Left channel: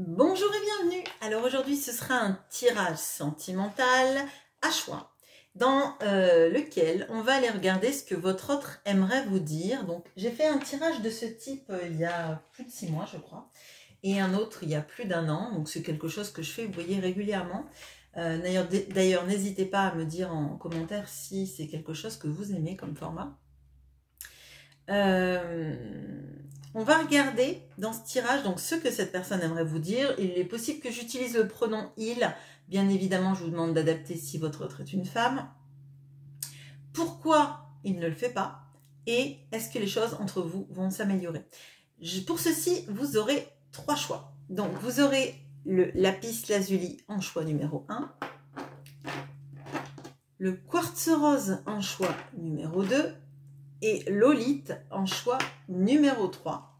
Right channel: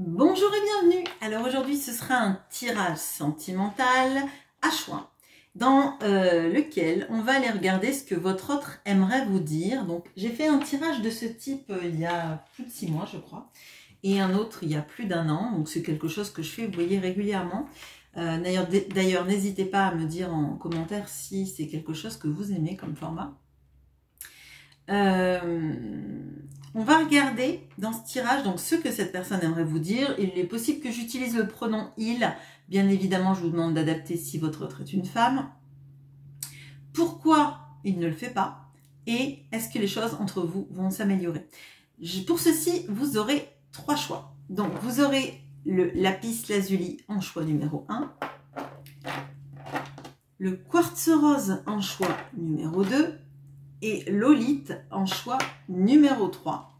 Bonjour et bienvenue. Alors aujourd'hui ce sera un tirage sentimental à choix dans lequel on va aller regarder ce que votre autre aimerait vous dire. Donc j'ai fait un tirage de ce type il y a plus de 6 mois je crois et un autre il y a plus d'1 an. Donc c'est quelque chose que je fais, vous voyez, régulièrement. D'ailleurs n'hésitez pas à me dire en commentaire si c'est quelque chose que vous aimez comme format. On va regarder dans ce tirage donc ce que cette personne aimerait vous dire. Il est possible que j'utilise le pronom il. Bien évidemment, je vous demande d'adapter si votre autre est une femme. Pourquoi il ne le fait pas? Et est-ce que les choses entre vous vont s'améliorer? Pour ceci, vous aurez 3 choix. Donc, vous aurez le lapis lazuli en choix numéro 1. Le quartz rose en choix numéro 2. Et l'olite en choix numéro 3.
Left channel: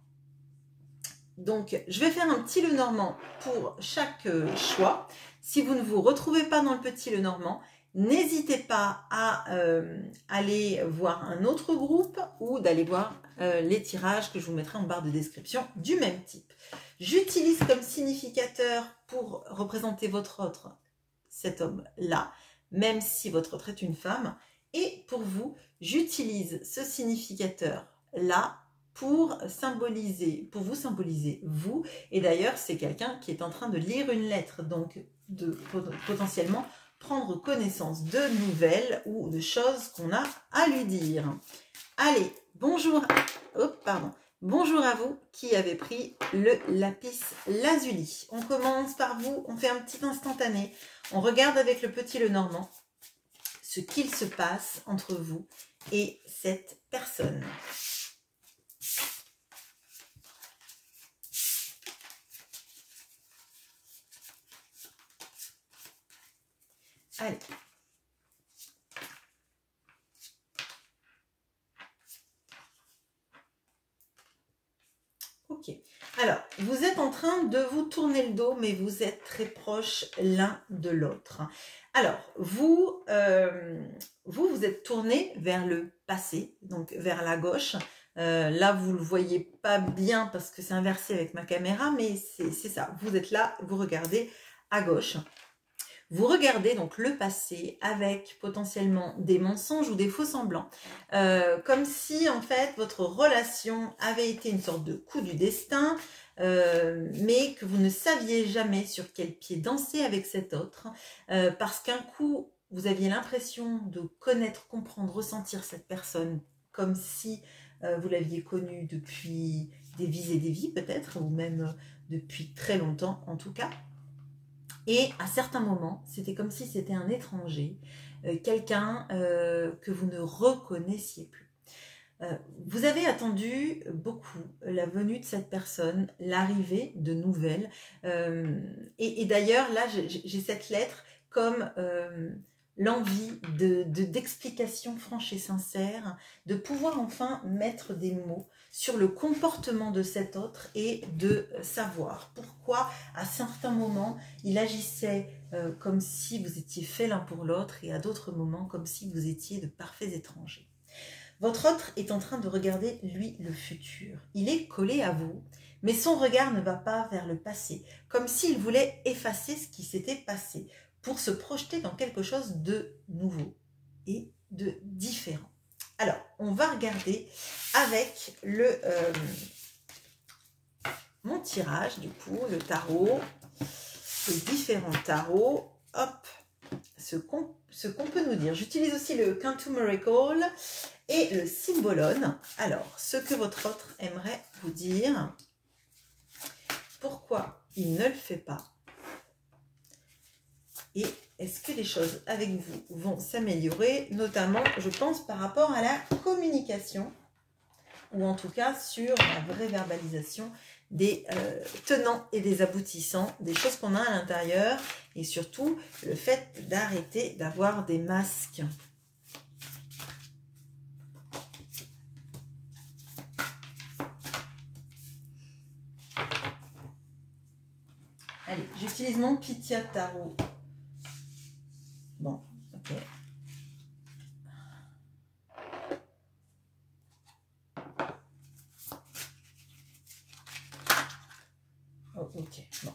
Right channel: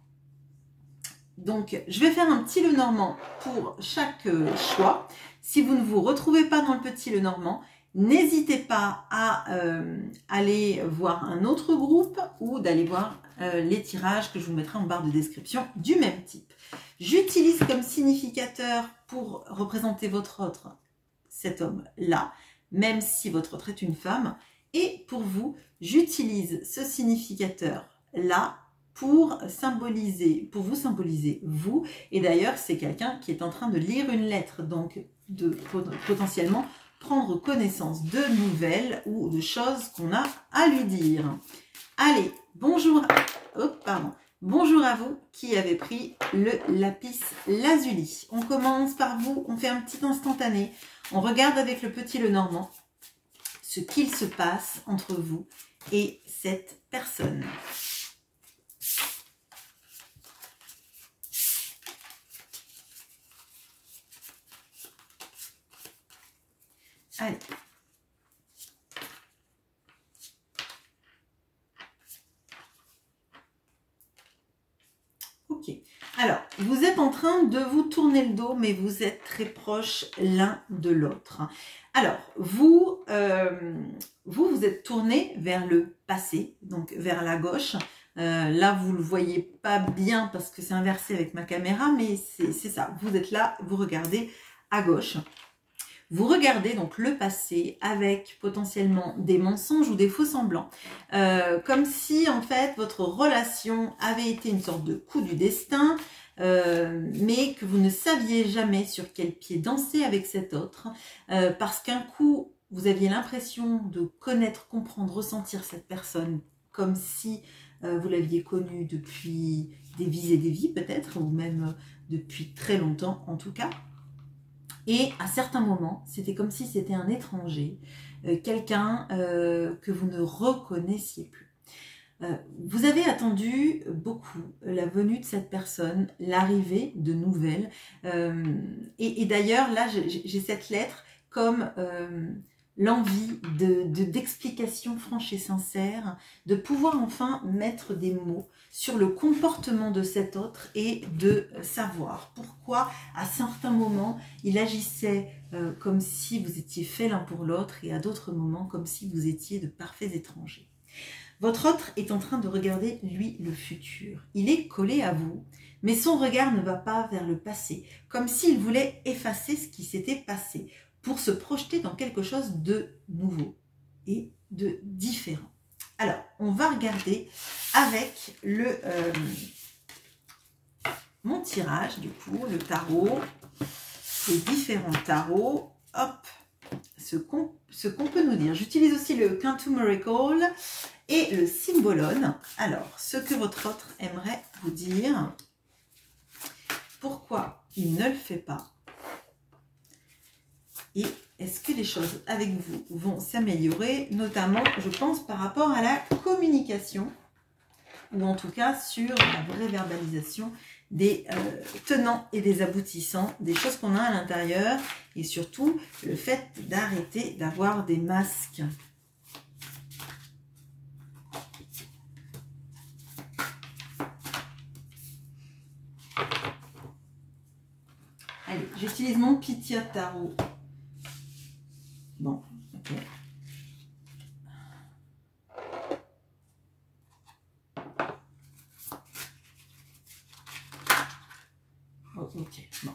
Donc, je vais faire un petit Lenormand pour chaque choix. Si vous ne vous retrouvez pas dans le petit Lenormand, n'hésitez pas à aller voir un autre groupe ou d'aller voir les tirages que je vous mettrai en barre de description du même type. J'utilise comme significateur pour représenter votre autre, cet homme-là, même si votre autre est une femme. Et pour vous, j'utilise ce significateur-là pour vous symboliser vous. Et d'ailleurs, c'est quelqu'un qui est en train de lire une lettre, donc de potentiellement prendre connaissance de nouvelles ou de choses qu'on a à lui dire. Allez, bonjour, bonjour à vous qui avez pris le lapis lazuli. On commence par vous, on fait un petit instantané. On regarde avec le petit Lenormand ce qu'il se passe entre vous et cette personne. Allez. Ok. Alors, vous êtes en train de vous tourner le dos, mais vous êtes très proches l'un de l'autre. Alors, vous êtes tourné vers le passé, donc vers la gauche. Là, vous ne le voyez pas bien parce que c'est inversé avec ma caméra, mais c'est ça. Vous êtes là, vous regardez à gauche. Vous regardez donc le passé avec potentiellement des mensonges ou des faux semblants. Comme si en fait votre relation avait été une sorte de coup du destin, mais que vous ne saviez jamais sur quel pied danser avec cet autre. Parce qu'un coup, vous aviez l'impression de connaître, comprendre, ressentir cette personne comme si vous l'aviez connue depuis des vies et des vies peut-être, ou même depuis très longtemps en tout cas. Et à certains moments, c'était comme si c'était un étranger, quelqu'un que vous ne reconnaissiez plus. Vous avez attendu beaucoup la venue de cette personne, l'arrivée de nouvelles. Et d'ailleurs, là, j'ai cette lettre comme l'envie d'explications franches et sincères, de pouvoir enfin mettre des mots sur le comportement de cet autre et de savoir pourquoi à certains moments il agissait comme si vous étiez faits l'un pour l'autre et à d'autres moments comme si vous étiez de parfaits étrangers. Votre autre est en train de regarder, lui, le futur. Il est collé à vous, mais son regard ne va pas vers le passé, comme s'il voulait effacer ce qui s'était passé pour se projeter dans quelque chose de nouveau et de différent. Alors, on va regarder avec mon tirage, du coup, le tarot, les différents tarots. Hop, ce qu'on peut nous dire. J'utilise aussi le Cantu Miracle et le Symbolone. Alors, ce que votre autre aimerait vous dire, pourquoi il ne le fait pas, et est-ce que les choses avec vous vont s'améliorer, notamment, je pense, par rapport à la communication, ou en tout cas sur la vraie verbalisation des tenants et des aboutissants, des choses qu'on a à l'intérieur, et surtout le fait d'arrêter d'avoir des masques. Allez, j'utilise mon Pythia Tarot. Bon, ok. Oh, ok, bon.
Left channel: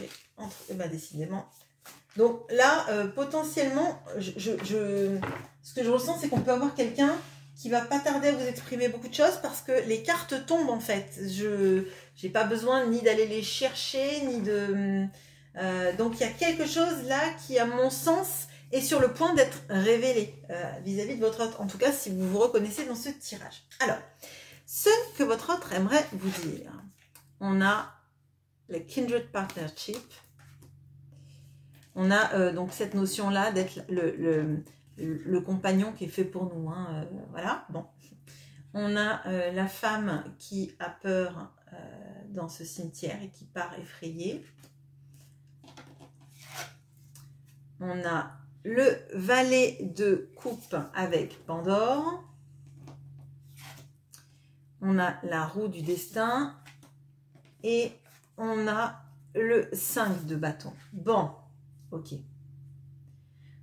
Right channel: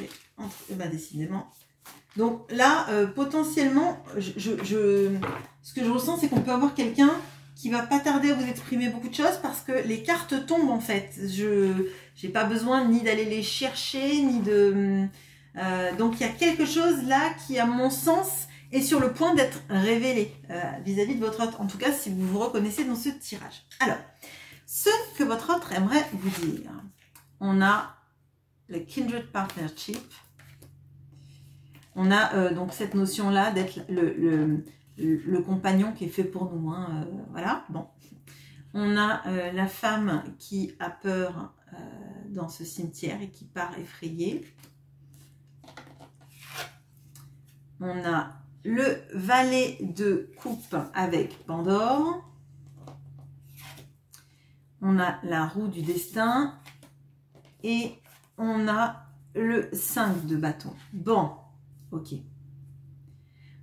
vais entre... Eh ben, décidément. Donc là, potentiellement, ce que je ressens, c'est qu'on peut avoir quelqu'un qui va pas tarder à vous exprimer beaucoup de choses parce que les cartes tombent en fait. Je n'ai pas besoin ni d'aller les chercher, ni de... donc il y a quelque chose là qui, à mon sens, est sur le point d'être révélé vis-à-vis de votre hôte. En tout cas, si vous vous reconnaissez dans ce tirage. Alors, ce que votre hôte aimerait vous dire. On a le Kindred Partnership. On a donc cette notion-là d'être le compagnon qui est fait pour nous. Hein, voilà, bon. On a la femme qui a peur dans ce cimetière et qui part effrayée. On a le valet de coupe avec Pandore. On a la roue du destin. Et on a le 5 de bâton. Bon, ok.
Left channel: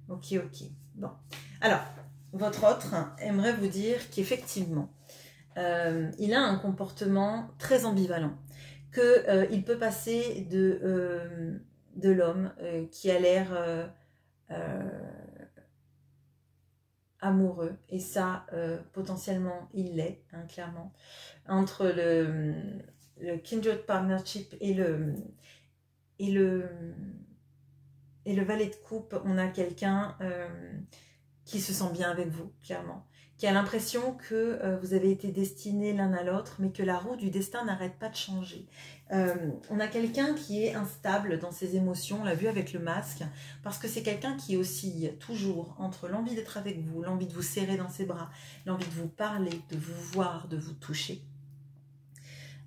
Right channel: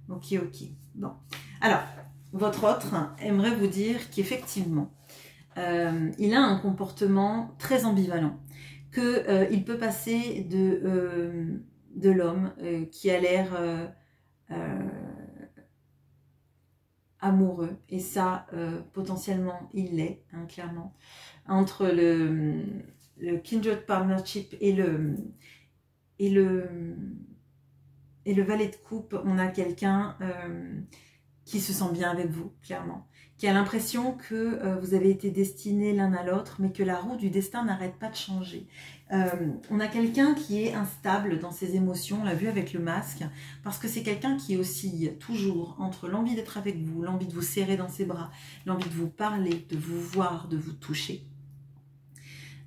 Ok. Bon. Alors, votre autre aimerait vous dire qu'effectivement, il a un comportement très ambivalent. Qu'il peut passer de l'homme qui a l'air amoureux. Et ça, potentiellement, il l'est, hein, clairement. Entre le Kindred Partnership et le valet de coupe, on a quelqu'un qui se sent bien avec vous, clairement. Qui a l'impression que vous avez été destinés l'un à l'autre, mais que la roue du destin n'arrête pas de changer. On a quelqu'un qui est instable dans ses émotions, on l'a vu avec le masque, parce que c'est quelqu'un qui oscille toujours entre l'envie d'être avec vous, l'envie de vous serrer dans ses bras, l'envie de vous parler, de vous voir, de vous toucher.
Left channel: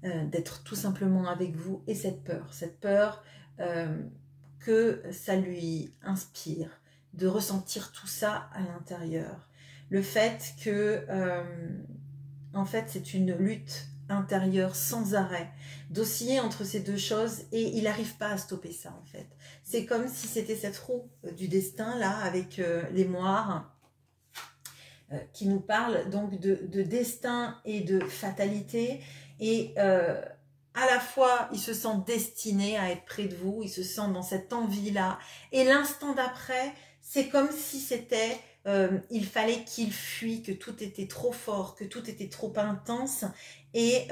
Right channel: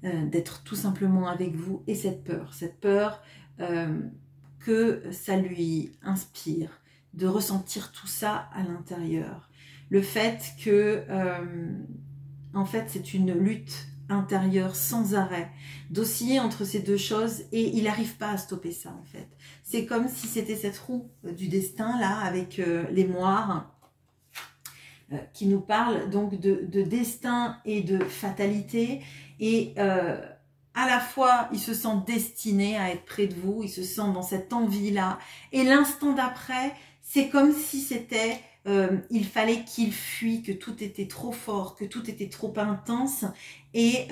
D'être tout simplement avec vous, et cette peur que ça lui inspire, de ressentir tout ça à l'intérieur. Le fait que, en fait, c'est une lutte intérieure sans arrêt, d'osciller entre ces deux choses, et il n'arrive pas à stopper ça, en fait. C'est comme si c'était cette roue du destin, là, avec les moires, qui nous parle donc de destin et de fatalité. Et à la fois, il se sent destiné à être près de vous, il se sent dans cette envie-là. Et l'instant d'après, c'est comme si c'était, il fallait qu'il fuit, que tout était trop fort, que tout était trop intense, et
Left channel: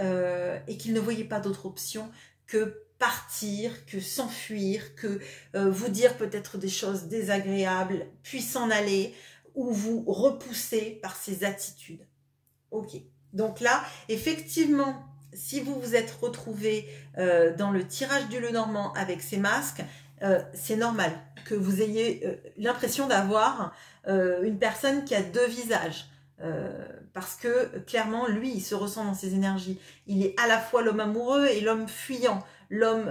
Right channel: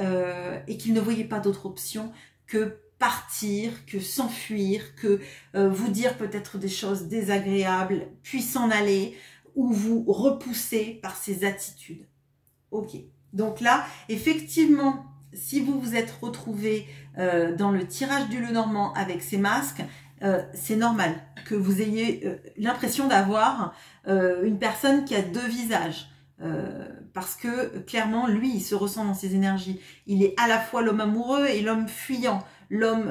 qu'il ne voyait pas d'autre option que partir, que s'enfuir, que vous dire peut-être des choses désagréables, puis s'en aller, ou vous repousser par ses attitudes. Ok. Donc là, effectivement, si vous vous êtes retrouvé dans le tirage du Lenormand avec ces masques, c'est normal que vous ayez l'impression d'avoir une personne qui a deux visages. Parce que clairement, lui, il se ressent dans ses énergies. Il est à la fois l'homme amoureux et l'homme fuyant. L'homme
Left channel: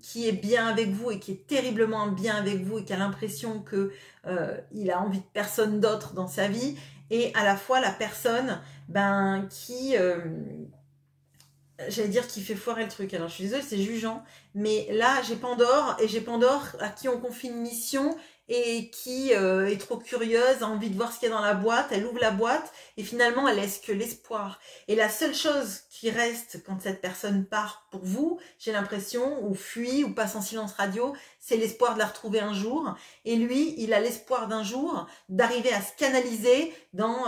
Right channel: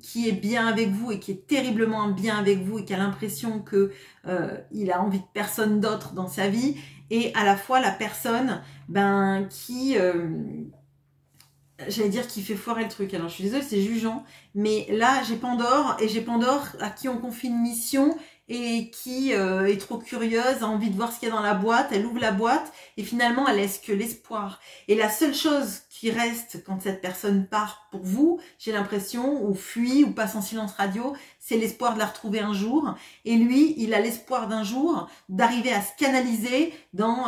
qui est bien avec vous et qui est terriblement bien avec vous et qui a l'impression qu'il a envie de personne d'autre dans sa vie. Et à la fois la personne qui, j'allais dire, qui fait foirer le truc. Alors je suis désolée, c'est jugeant, mais là j'ai Pandore, et j'ai Pandore à qui on confie une mission et qui est trop curieuse, a envie de voir ce qu'il y a dans la boîte. Elle ouvre la boîte et finalement elle laisse que l'espoir. Et la seule chose qui reste quand cette personne part pour vous, j'ai l'impression, ou fuit, ou passe en silence radio, c'est l'espoir de la retrouver un jour. Et lui, il a l'espoir d'un jour d'arriver à se canaliser dans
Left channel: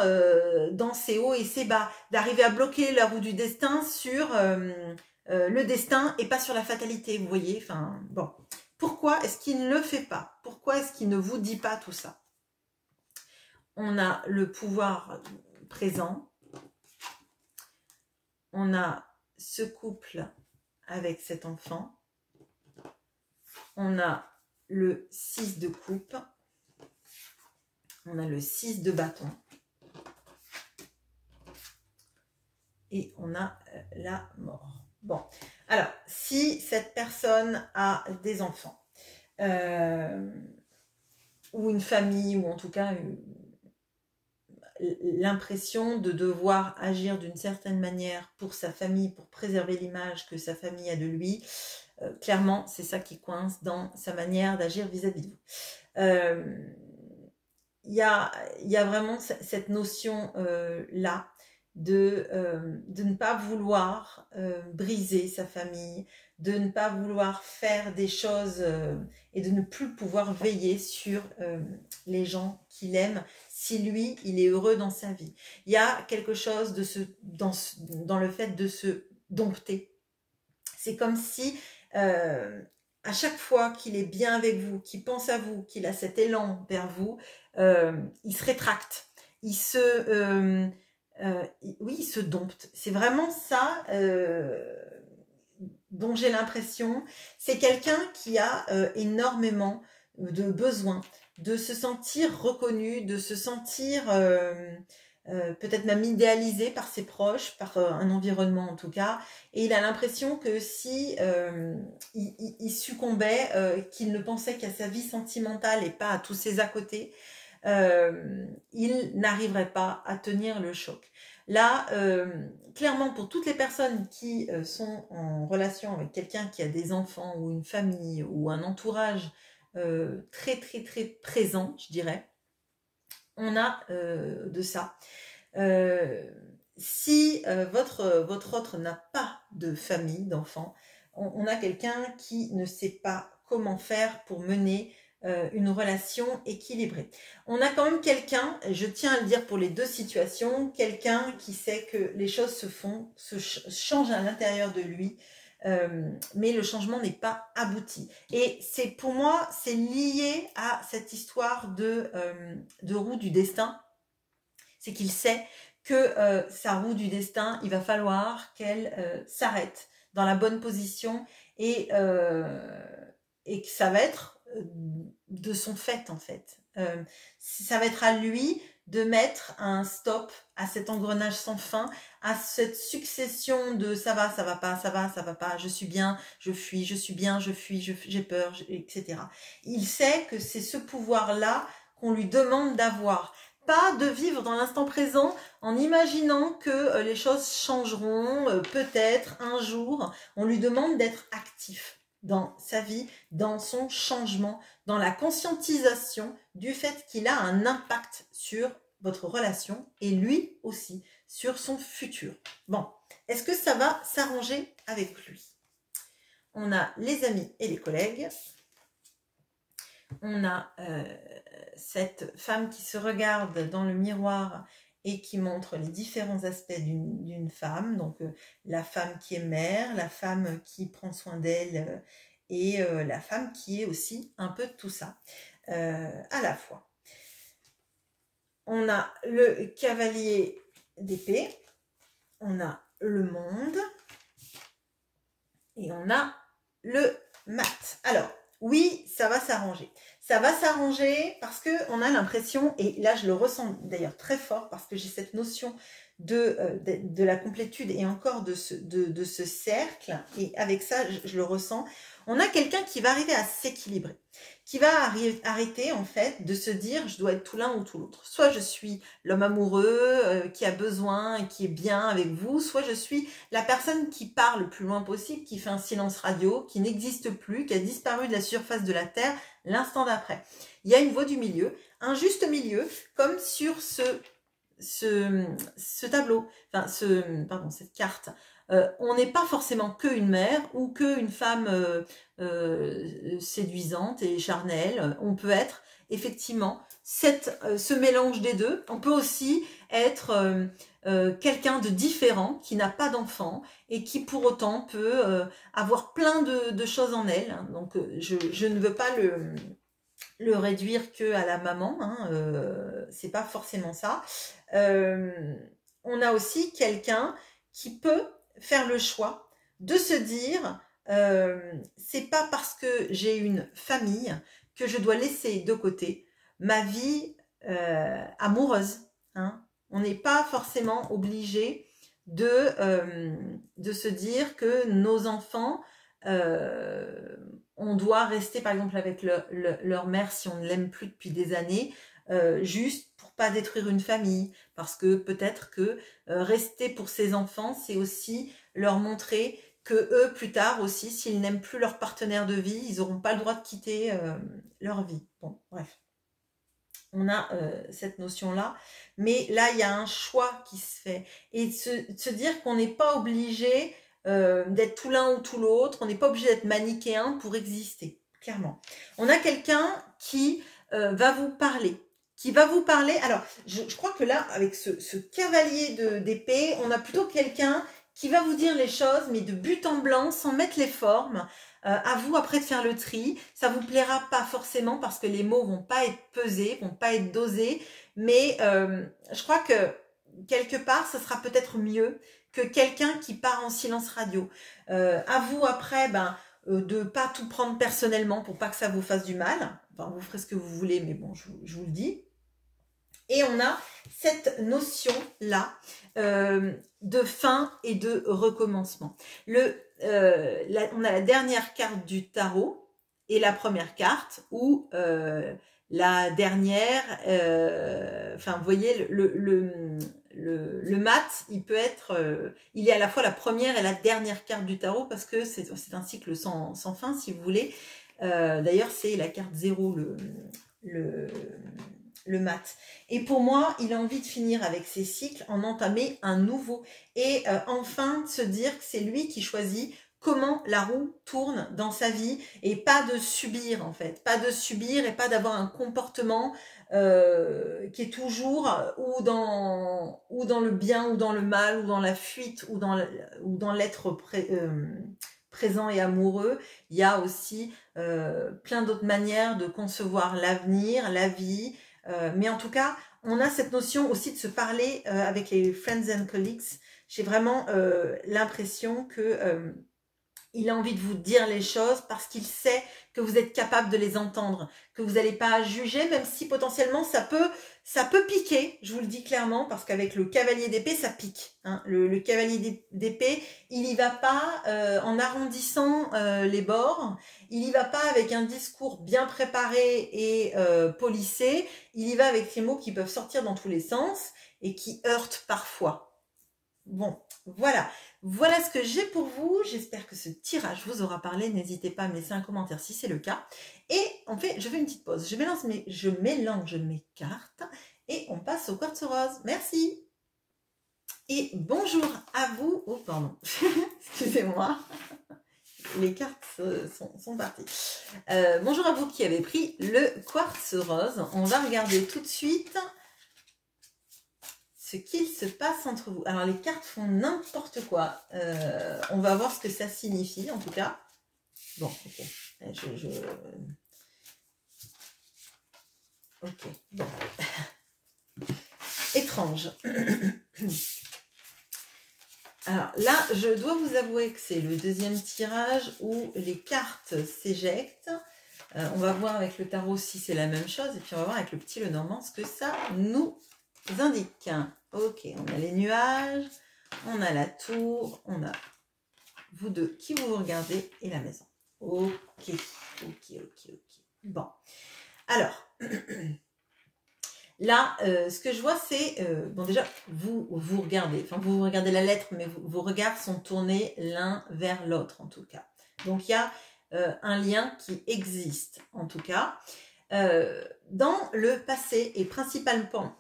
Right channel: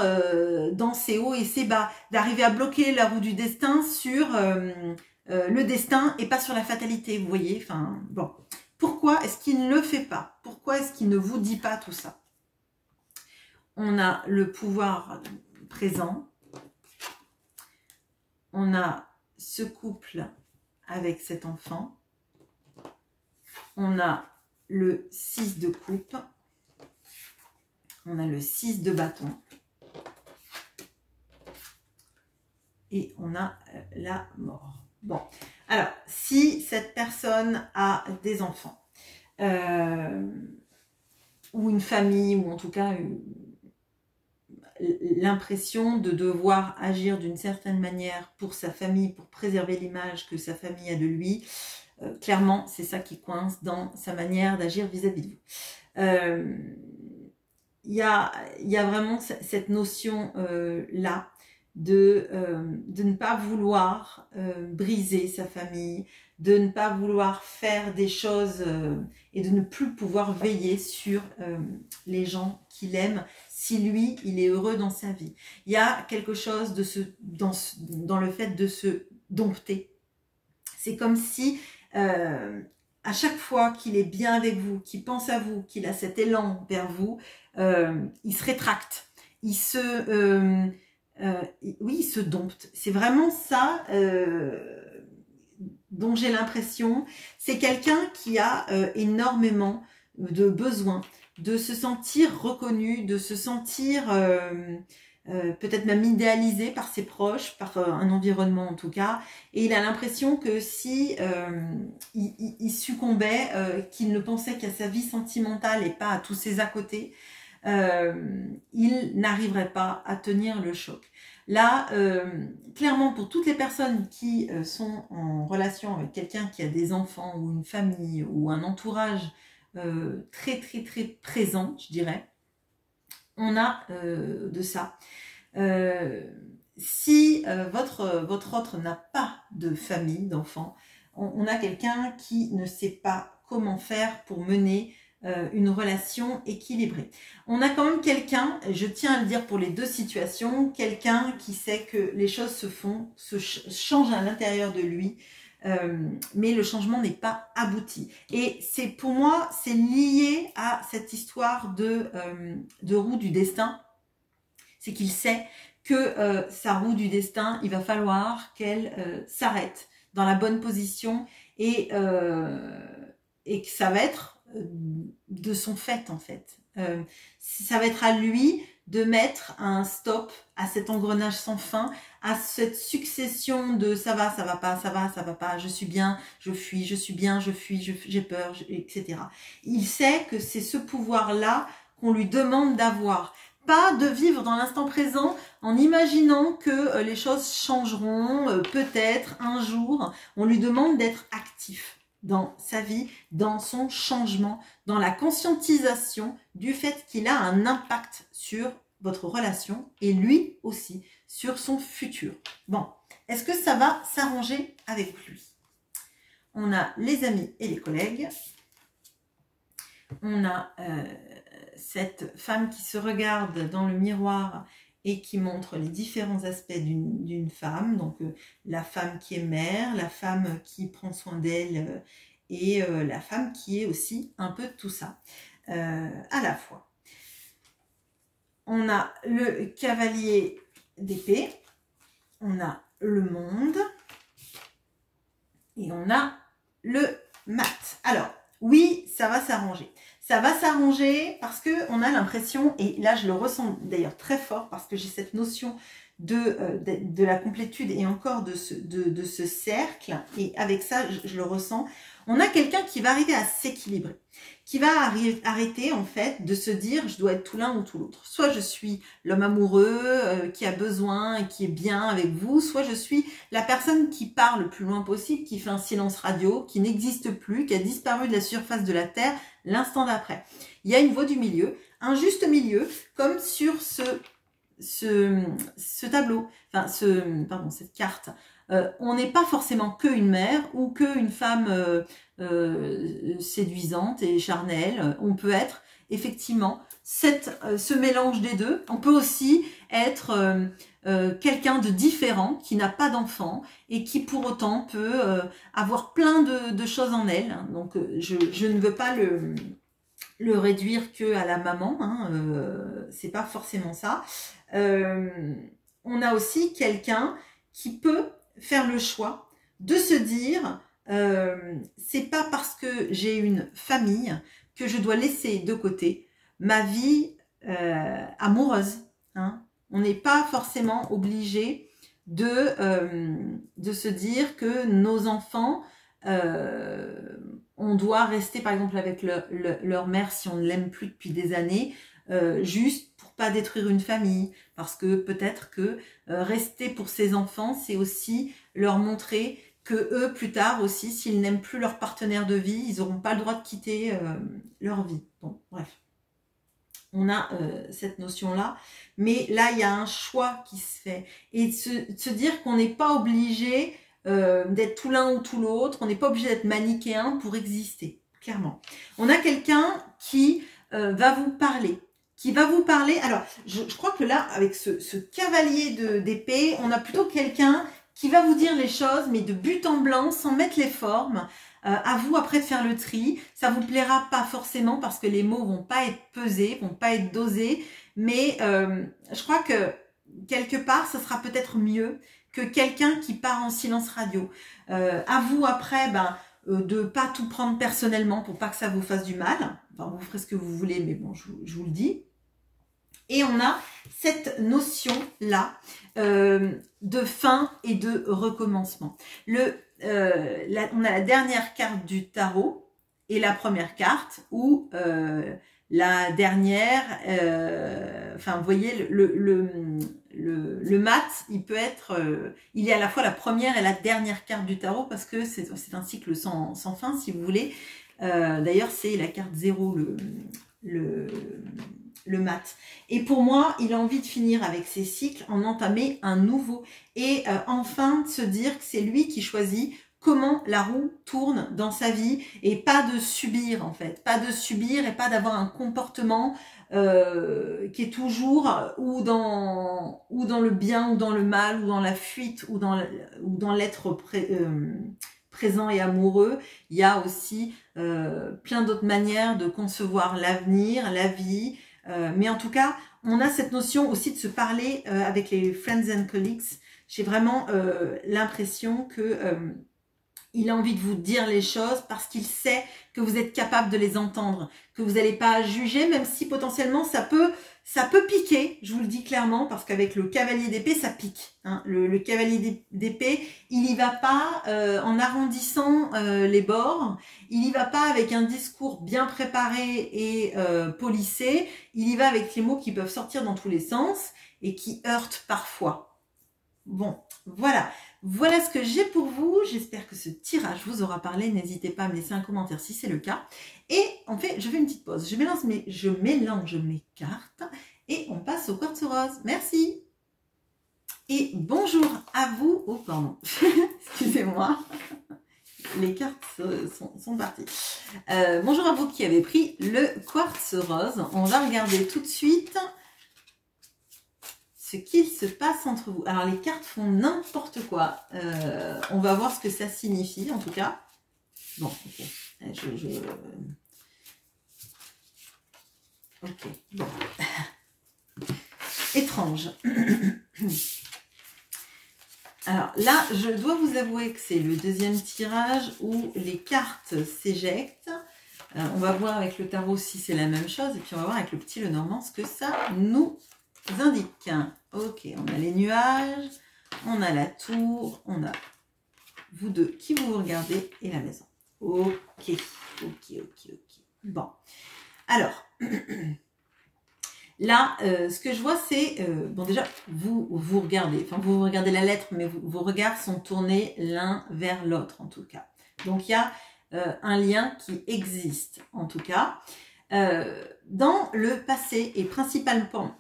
ses hauts et ses bas, d'arriver à bloquer la roue du destin sur le destin et pas sur la fatalité, vous voyez. Enfin, bon. Pourquoi est-ce qu'il ne le fait pas? Pourquoi est-ce qu'il ne vous dit pas tout ça? On a le pouvoir présent. On a ce couple avec cet enfant. On a le 6 de coupe. On a le 6 de bâton. Et on a la mort. Bon, alors, si cette personne a des enfants, ou une famille, ou en tout cas l'impression de devoir agir d'une certaine manière pour sa famille, pour préserver l'image que sa famille a de lui, clairement, c'est ça qui coince dans sa manière d'agir vis-à-vis de vous. Il y a vraiment cette notion-là, de ne pas vouloir briser sa famille, de ne pas vouloir faire des choses et de ne plus pouvoir veiller sur les gens qu'il aime si lui, il est heureux dans sa vie. Il y a quelque chose dans le fait de se dompter. C'est comme si à chaque fois qu'il est bien avec vous, qu'il pense à vous, qu'il a cet élan vers vous, il se rétracte. Oui, il se dompte. C'est vraiment ça dont j'ai l'impression. C'est quelqu'un qui a énormément de besoin de se sentir reconnu, de se sentir peut-être même idéalisé par ses proches, par un environnement en tout cas. Et il a l'impression que si il succombait, qu'il ne pensait qu'à sa vie sentimentale et pas à tous ses à côté, il n'arriverait pas à tenir le choc. Là, clairement, pour toutes les personnes qui sont en relation avec quelqu'un qui a des enfants ou une famille ou un entourage très très très présent, je dirais, on a de ça. Si votre autre n'a pas de famille, d'enfants, on a quelqu'un qui ne sait pas comment faire pour mener une relation équilibrée. On a quand même quelqu'un, je tiens à le dire pour les deux situations, quelqu'un qui sait que les choses se changent à l'intérieur de lui, mais le changement n'est pas abouti. Et c'est pour moi, c'est lié à cette histoire de roue du destin. C'est qu'il sait que sa roue du destin, il va falloir qu'elle s'arrête dans la bonne position et que ça va être de son fait en fait. Ça va être à lui de mettre un stop à cet engrenage sans fin, à cette succession de ça va pas, ça va pas, je suis bien, je fuis, je suis bien, je fuis, j'ai peur, etc. Il sait que c'est ce pouvoir-là qu'on lui demande d'avoir. Pas de vivre dans l'instant présent en imaginant que les choses changeront peut-être un jour. On lui demande d'être actif dans sa vie, dans son changement, dans la conscientisation du fait qu'il a un impact sur votre relation et lui aussi sur son futur. Bon, est-ce que ça va s'arranger avec lui? On a les amis et les collègues. On a cette femme qui se regarde dans le miroir et qui montre les différents aspects d'une femme. Donc la femme qui est mère, la femme qui prend soin d'elle et la femme qui est aussi un peu de tout ça à la fois. On a le cavalier d'épée, on a le monde et on a le mat. Alors, oui, ça va s'arranger. Ça va s'arranger parce qu'on a l'impression, et là je le ressens d'ailleurs très fort parce que j'ai cette notion de la complétude et encore de ce cercle, et avec ça je le ressens, on a quelqu'un qui va arriver à s'équilibrer, qui va arrêter en fait de se dire je dois être tout l'un ou tout l'autre. Soit je suis l'homme amoureux qui a besoin et qui est bien avec vous, soit je suis la personne qui part le plus loin possible, qui fait un silence radio, qui n'existe plus, qui a disparu de la surface de la Terre l'instant d'après. Il y a une voie du milieu, un juste milieu, comme sur ce tableau, enfin cette carte. On n'est pas forcément que une mère ou que une femme séduisante et charnelle. On peut être effectivement ce mélange des deux. On peut aussi être quelqu'un de différent qui n'a pas d'enfant et qui pour autant peut avoir plein de choses en elle. Donc je ne veux pas le réduire que à la maman, hein, c'est pas forcément ça. On a aussi quelqu'un qui peut faire le choix de se dire c'est pas parce que j'ai une famille que je dois laisser de côté ma vie amoureuse, hein. On n'est pas forcément obligé de se dire que nos enfants on doit rester par exemple avec leur mère si on ne l'aime plus depuis des années, juste pour pas détruire une famille, parce que peut-être que rester pour ses enfants, c'est aussi leur montrer que eux plus tard aussi, s'ils n'aiment plus leur partenaire de vie, ils n'auront pas le droit de quitter leur vie. Bon, bref. On a cette notion-là, mais là, il y a un choix qui se fait. Et de se dire qu'on n'est pas obligé d'être tout l'un ou tout l'autre. On n'est pas obligé d'être manichéen pour exister, clairement. On a quelqu'un qui va vous parler. Alors, je crois que là, avec ce cavalier d'épée, on a plutôt quelqu'un qui va vous dire les choses, mais de but en blanc, sans mettre les formes. À vous après de faire le tri. Ça vous plaira pas forcément parce que les mots vont pas être pesés, vont pas être dosés. Mais je crois que quelque part, ce sera peut-être mieux que quelqu'un qui part en silence radio. À vous après, de pas tout prendre personnellement pour pas que ça vous fasse du mal. Enfin, vous ferez ce que vous voulez, mais bon, je vous le dis. Et on a cette notion-là de fin et de recommencement. On a la dernière carte du tarot et la première carte où la dernière, vous voyez, le mat, il peut être, il est à la fois la première et la dernière carte du tarot parce que c'est un cycle sans fin, si vous voulez. D'ailleurs, c'est la carte 0, le mat. Et pour moi, il a envie de finir avec ses cycles, en entamer un nouveau. Et enfin, de se dire que c'est lui qui choisit comment la roue tourne dans sa vie et pas de subir en fait. Pas de subir et pas d'avoir un comportement qui est toujours ou dans le bien ou dans le mal ou dans la fuite ou dans l'être présent et amoureux. Il y a aussi plein d'autres manières de concevoir l'avenir, la vie. Mais en tout cas, on a cette notion aussi de se parler avec les friends and colleagues. J'ai vraiment l'impression que il a envie de vous dire les choses parce qu'il sait que vous êtes capable de les entendre, que vous n'allez pas juger, même si potentiellement ça peut piquer, je vous le dis clairement, parce qu'avec le cavalier d'épée, ça pique. Hein. Le cavalier d'épée, il n'y va pas en arrondissant les bords, il n'y va pas avec un discours bien préparé et polissé, il y va avec les mots qui peuvent sortir dans tous les sens et qui heurtent parfois. Bon, voilà. Voilà ce que j'ai pour vous. J'espère que ce tirage vous aura parlé. N'hésitez pas à me laisser un commentaire si c'est le cas. Et en fait, je fais une petite pause. Je mélange mes cartes et on passe au quartz rose. Merci. Et bonjour à vous. Oh, pardon. Excusez-moi. Les cartes sont parties. Bonjour à vous qui avez pris le quartz rose. On va regarder tout de suite ce qu'il se passe entre vous. Alors, les cartes font n'importe quoi. On va voir ce que ça signifie, en tout cas. Bon, ok. Ok. Bon. Étrange. Alors, là, je dois vous avouer que c'est le deuxième tirage où les cartes s'éjectent. On va voir avec le tarot si c'est la même chose. Et puis, on va voir avec le petit Lenormand ce que ça nous indique. Ok, on a les nuages, on a la tour, on a vous deux qui vous regardez et la maison. Ok. Bon, alors, là, ce que je vois, c'est, bon déjà, vous regardez la lettre, mais vos regards sont tournés l'un vers l'autre, en tout cas. Donc, il y a un lien qui existe, en tout cas. Dans le passé et principalement,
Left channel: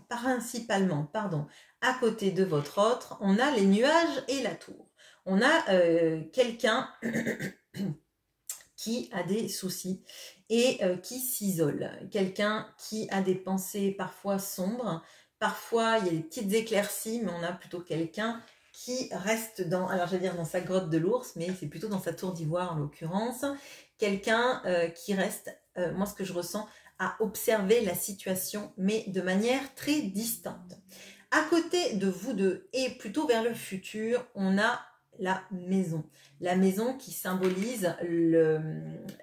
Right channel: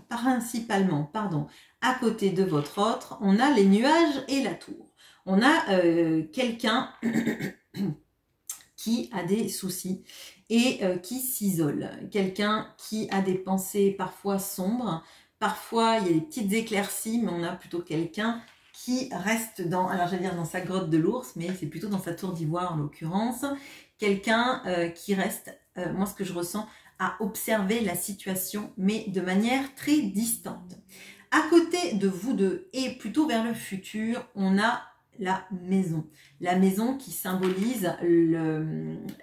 à côté de votre autre, on a les nuages et la tour. On a quelqu'un qui a des soucis et qui s'isole. Quelqu'un qui a des pensées parfois sombres. Parfois, il y a des petites éclaircies, mais on a plutôt quelqu'un qui reste dans, alors j'allais dire dans sa grotte de l'ours, mais c'est plutôt dans sa tour d'ivoire en l'occurrence. Quelqu'un qui reste, moi ce que je ressens, à observer la situation, mais de manière très distante. À côté de vous deux, et plutôt vers le futur, on a la maison. La maison qui symbolise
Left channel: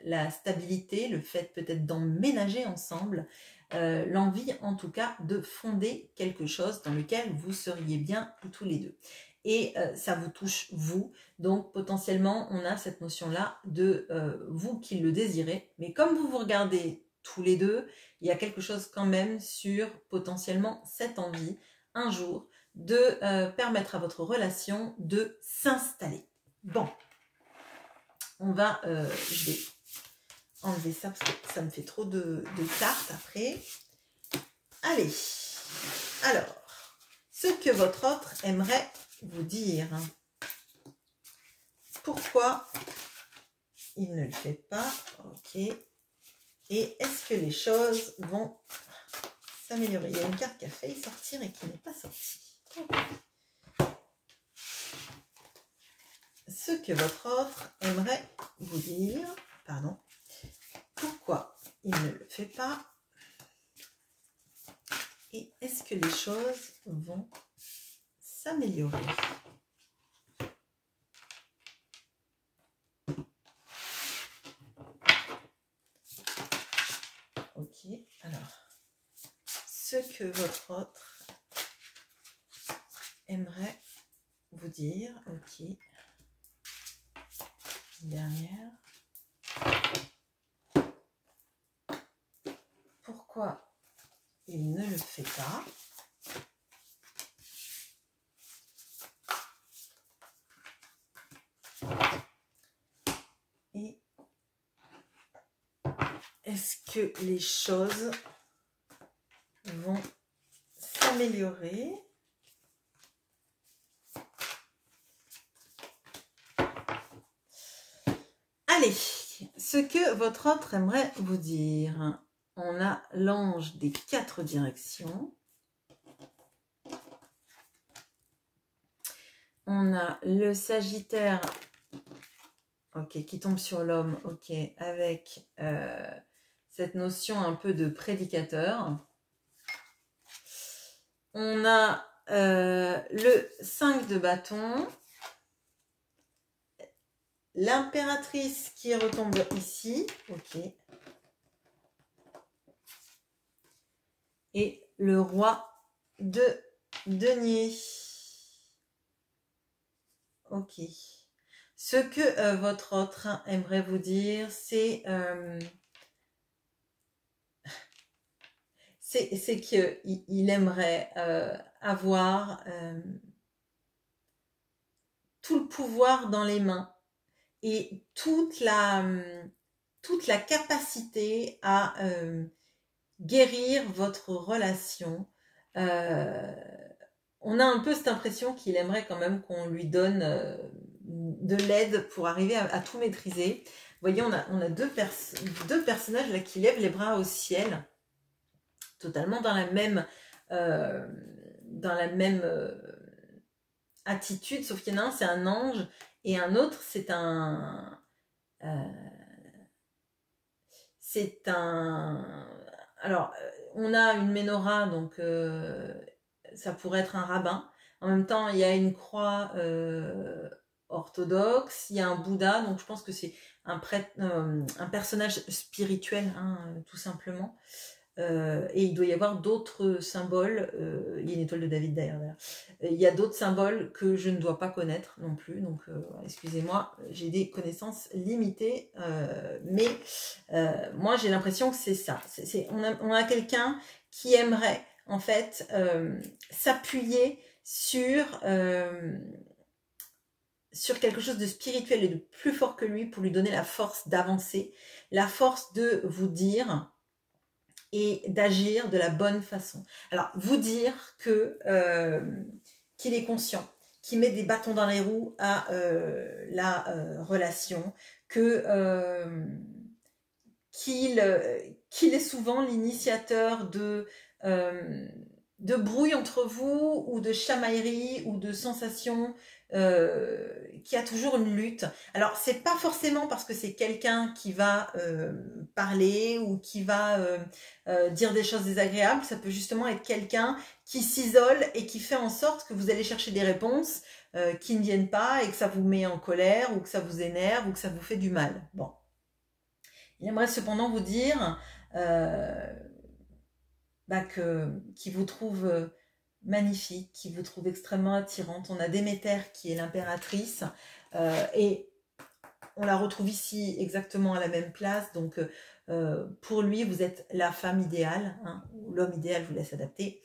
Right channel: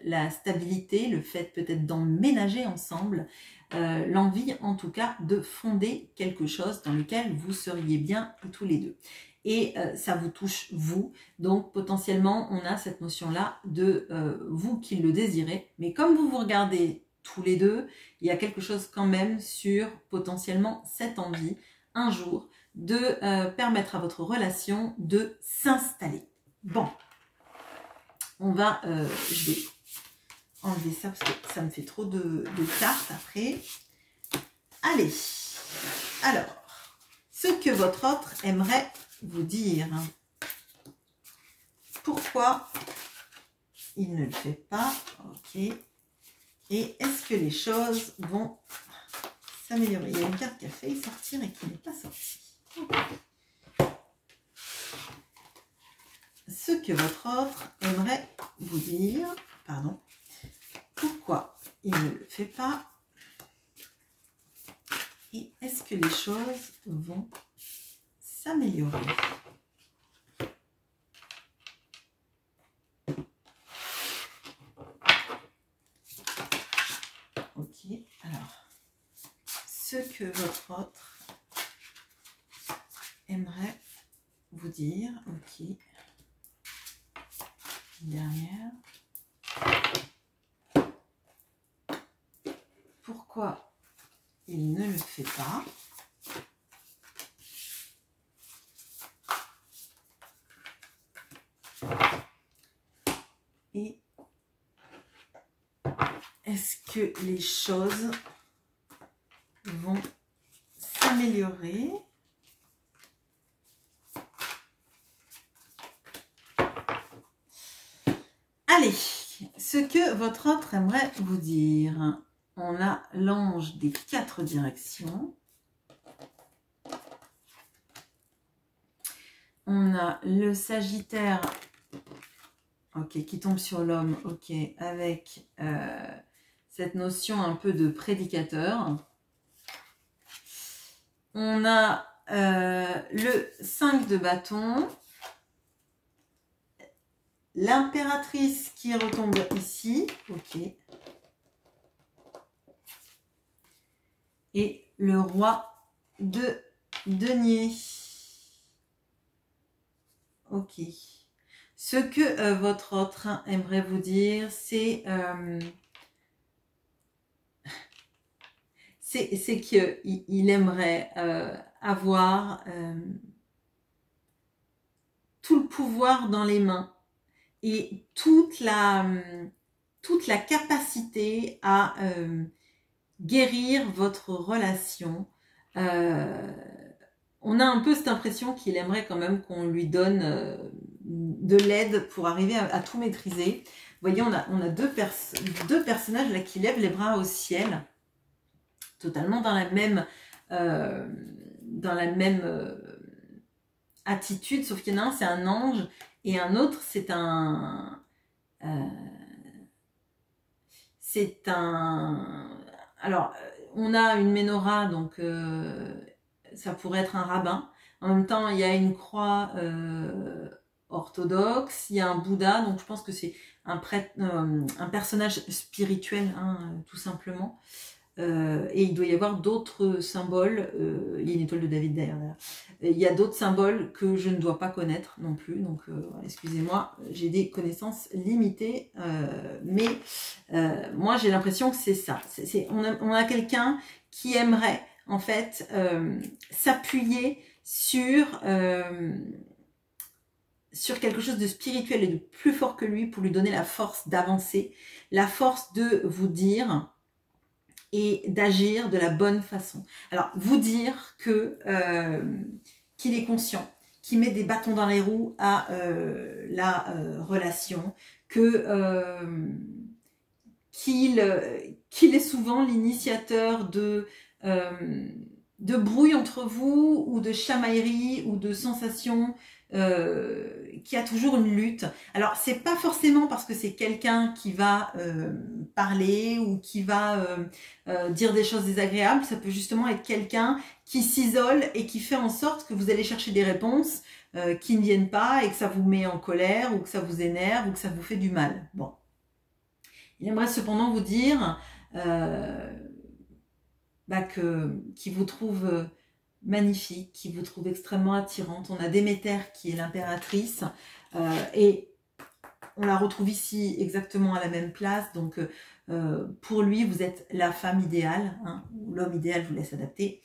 la stabilité, le fait peut-être d'emménager ensemble, l'envie en tout cas de fonder quelque chose dans lequel vous seriez bien tous les deux. Et ça vous touche vous, donc potentiellement on a cette notion-là de vous qui le désirez, mais comme vous vous regardez tous les deux, il y a quelque chose quand même sur potentiellement cette envie, un jour, de permettre à votre relation de s'installer. Bon, on va, je vais enlever ça parce que ça me fait trop de cartes après. Allez, alors, ce que votre autre aimerait vous dire. pourquoi il ne le fait pas? Ok. Et est-ce que les choses vont s'améliorer? Il y a une carte qui a failli sortir et qui n'est pas sortie. Ce que votre autre aimerait vous dire, pardon, pourquoi il ne le fait pas? Et est-ce que les choses vont s'améliorer? Ok, alors, ce que votre autre aimerait vous dire, ok, dernière. Pourquoi il ne le fait pas? Et est-ce que les choses vont s'améliorer? Allez, ce que votre autre aimerait vous dire. On a l'ange des 4 directions. On a le Sagittaire, ok, qui tombe sur l'homme, ok, avec cette notion un peu de prédicateur. On a le 5 de bâton. L'impératrice qui retombe ici, ok. Et le roi de denier. Ok. Ce que votre autre aimerait vous dire, c'est qu'il aimerait avoir tout le pouvoir dans les mains et toute la capacité à guérir votre relation. On a un peu cette impression qu'il aimerait quand même qu'on lui donne de l'aide pour arriver à tout maîtriser. Vous voyez, on a deux personnages là qui lèvent les bras au ciel, totalement dans la même attitude, sauf qu'il y en a un, c'est un ange, et un autre, c'est un... Alors, on a une menorah, donc ça pourrait être un rabbin. En même temps, il y a une croix orthodoxe, il y a un Bouddha, donc je pense que c'est un personnage spirituel, hein, tout simplement. Et il doit y avoir d'autres symboles. Il y a une étoile de David derrière. Il y a d'autres symboles que je ne dois pas connaître non plus. Donc, excusez-moi, j'ai des connaissances limitées. Mais moi, j'ai l'impression que c'est ça. On a quelqu'un qui aimerait, en fait, s'appuyer sur quelque chose de spirituel et de plus fort que lui pour lui donner la force d'avancer, la force de vous dire et d'agir de la bonne façon. Alors, vous dire que qu'il est conscient, qu'il met des bâtons dans les roues à la relation, que qu'il est souvent l'initiateur de brouille entre vous, ou de chamaillerie, ou de sensations, qui a toujours une lutte. Alors, c'est pas forcément parce que c'est quelqu'un qui va parler, ou qui va dire des choses désagréables. Ça peut justement être quelqu'un qui s'isole et qui fait en sorte que vous allez chercher des réponses qui ne viennent pas, et que ça vous met en colère, ou que ça vous énerve, ou que ça vous fait du mal. Bon. Il aimerait cependant vous dire qu'il vous trouve magnifique, qu'il vous trouve extrêmement attirante. On a Déméter qui est l'impératrice, et on la retrouve ici exactement à la même place. Donc pour lui, vous êtes la femme idéale, hein, ou l'homme idéal, je vous laisse adapter.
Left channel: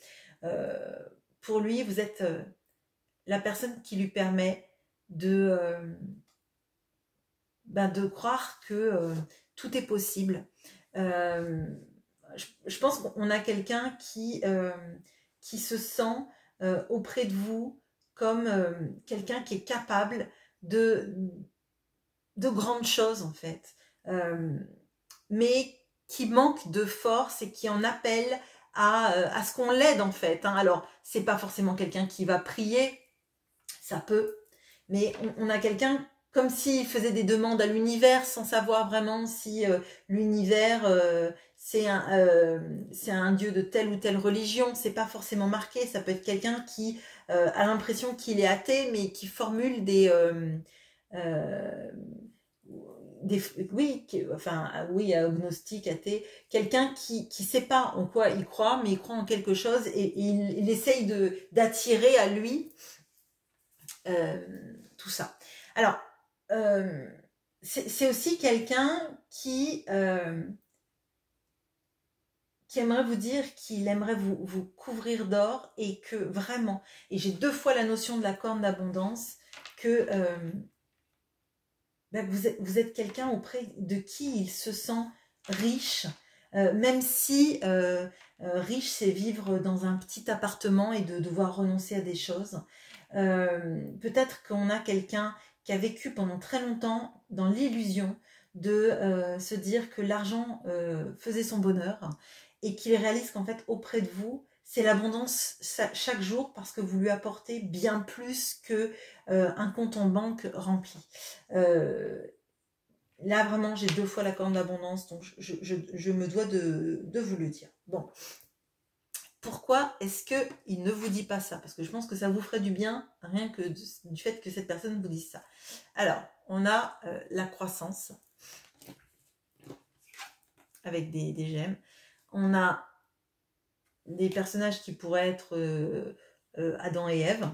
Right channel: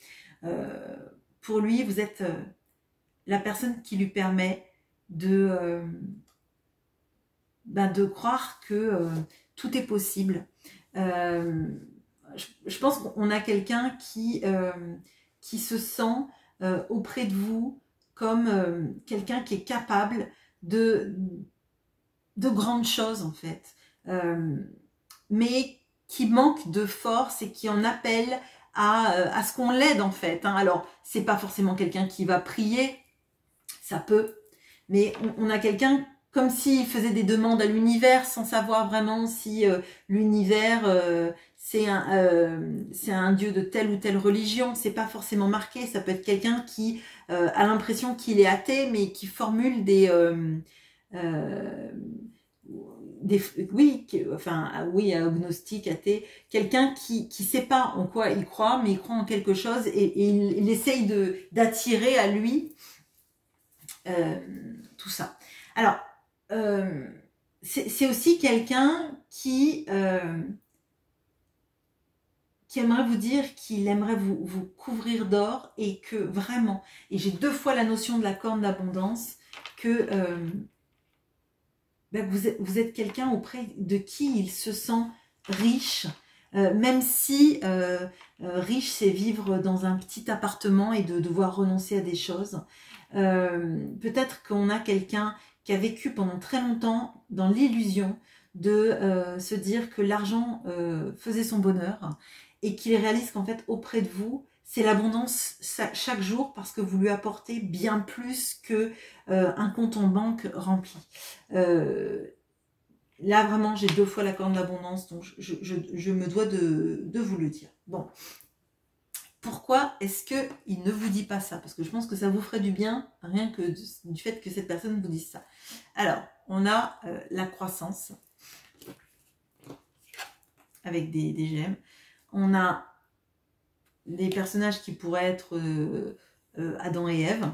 Pour lui, vous êtes la personne qui lui permet de croire que tout est possible. Je pense qu'on a quelqu'un qui se sent auprès de vous comme quelqu'un qui est capable de grandes choses en fait, mais qui manque de force et qui en appelle à ce qu'on l'aide en fait. Hein. Alors, c'est pas forcément quelqu'un qui va prier, ça peut, mais on a quelqu'un comme s'il faisait des demandes à l'univers sans savoir vraiment si l'univers c'est un dieu de telle ou telle religion. C'est pas forcément marqué. Ça peut être quelqu'un qui a l'impression qu'il est athée, mais qui formule euh, oui, enfin oui, agnostique, athée, quelqu'un qui sait pas en quoi il croit, mais il croit en quelque chose et il essaye d'attirer à lui tout ça. Alors, c'est aussi quelqu'un qui aimerait vous dire qu'il aimerait vous couvrir d'or et que vraiment, et j'ai 2 fois la notion de la corne d'abondance, que vous êtes quelqu'un auprès de qui il se sent riche, même si riche c'est vivre dans un petit appartement et de devoir renoncer à des choses. Peut-être qu'on a quelqu'un qui a vécu pendant très longtemps dans l'illusion de se dire que l'argent faisait son bonheur et qu'il réalise qu'en fait auprès de vous c'est l'abondance chaque jour parce que vous lui apportez bien plus que un compte en banque rempli. Là vraiment j'ai 2 fois la corne d'abondance, donc je me dois de vous le dire. Bon. Pourquoi est-ce qu'il ne vous dit pas ça? Parce que je pense que ça vous ferait du bien, rien que du fait que cette personne vous dise ça. Alors, on a la croissance, avec des gemmes. On a des personnages qui pourraient être Adam et Ève.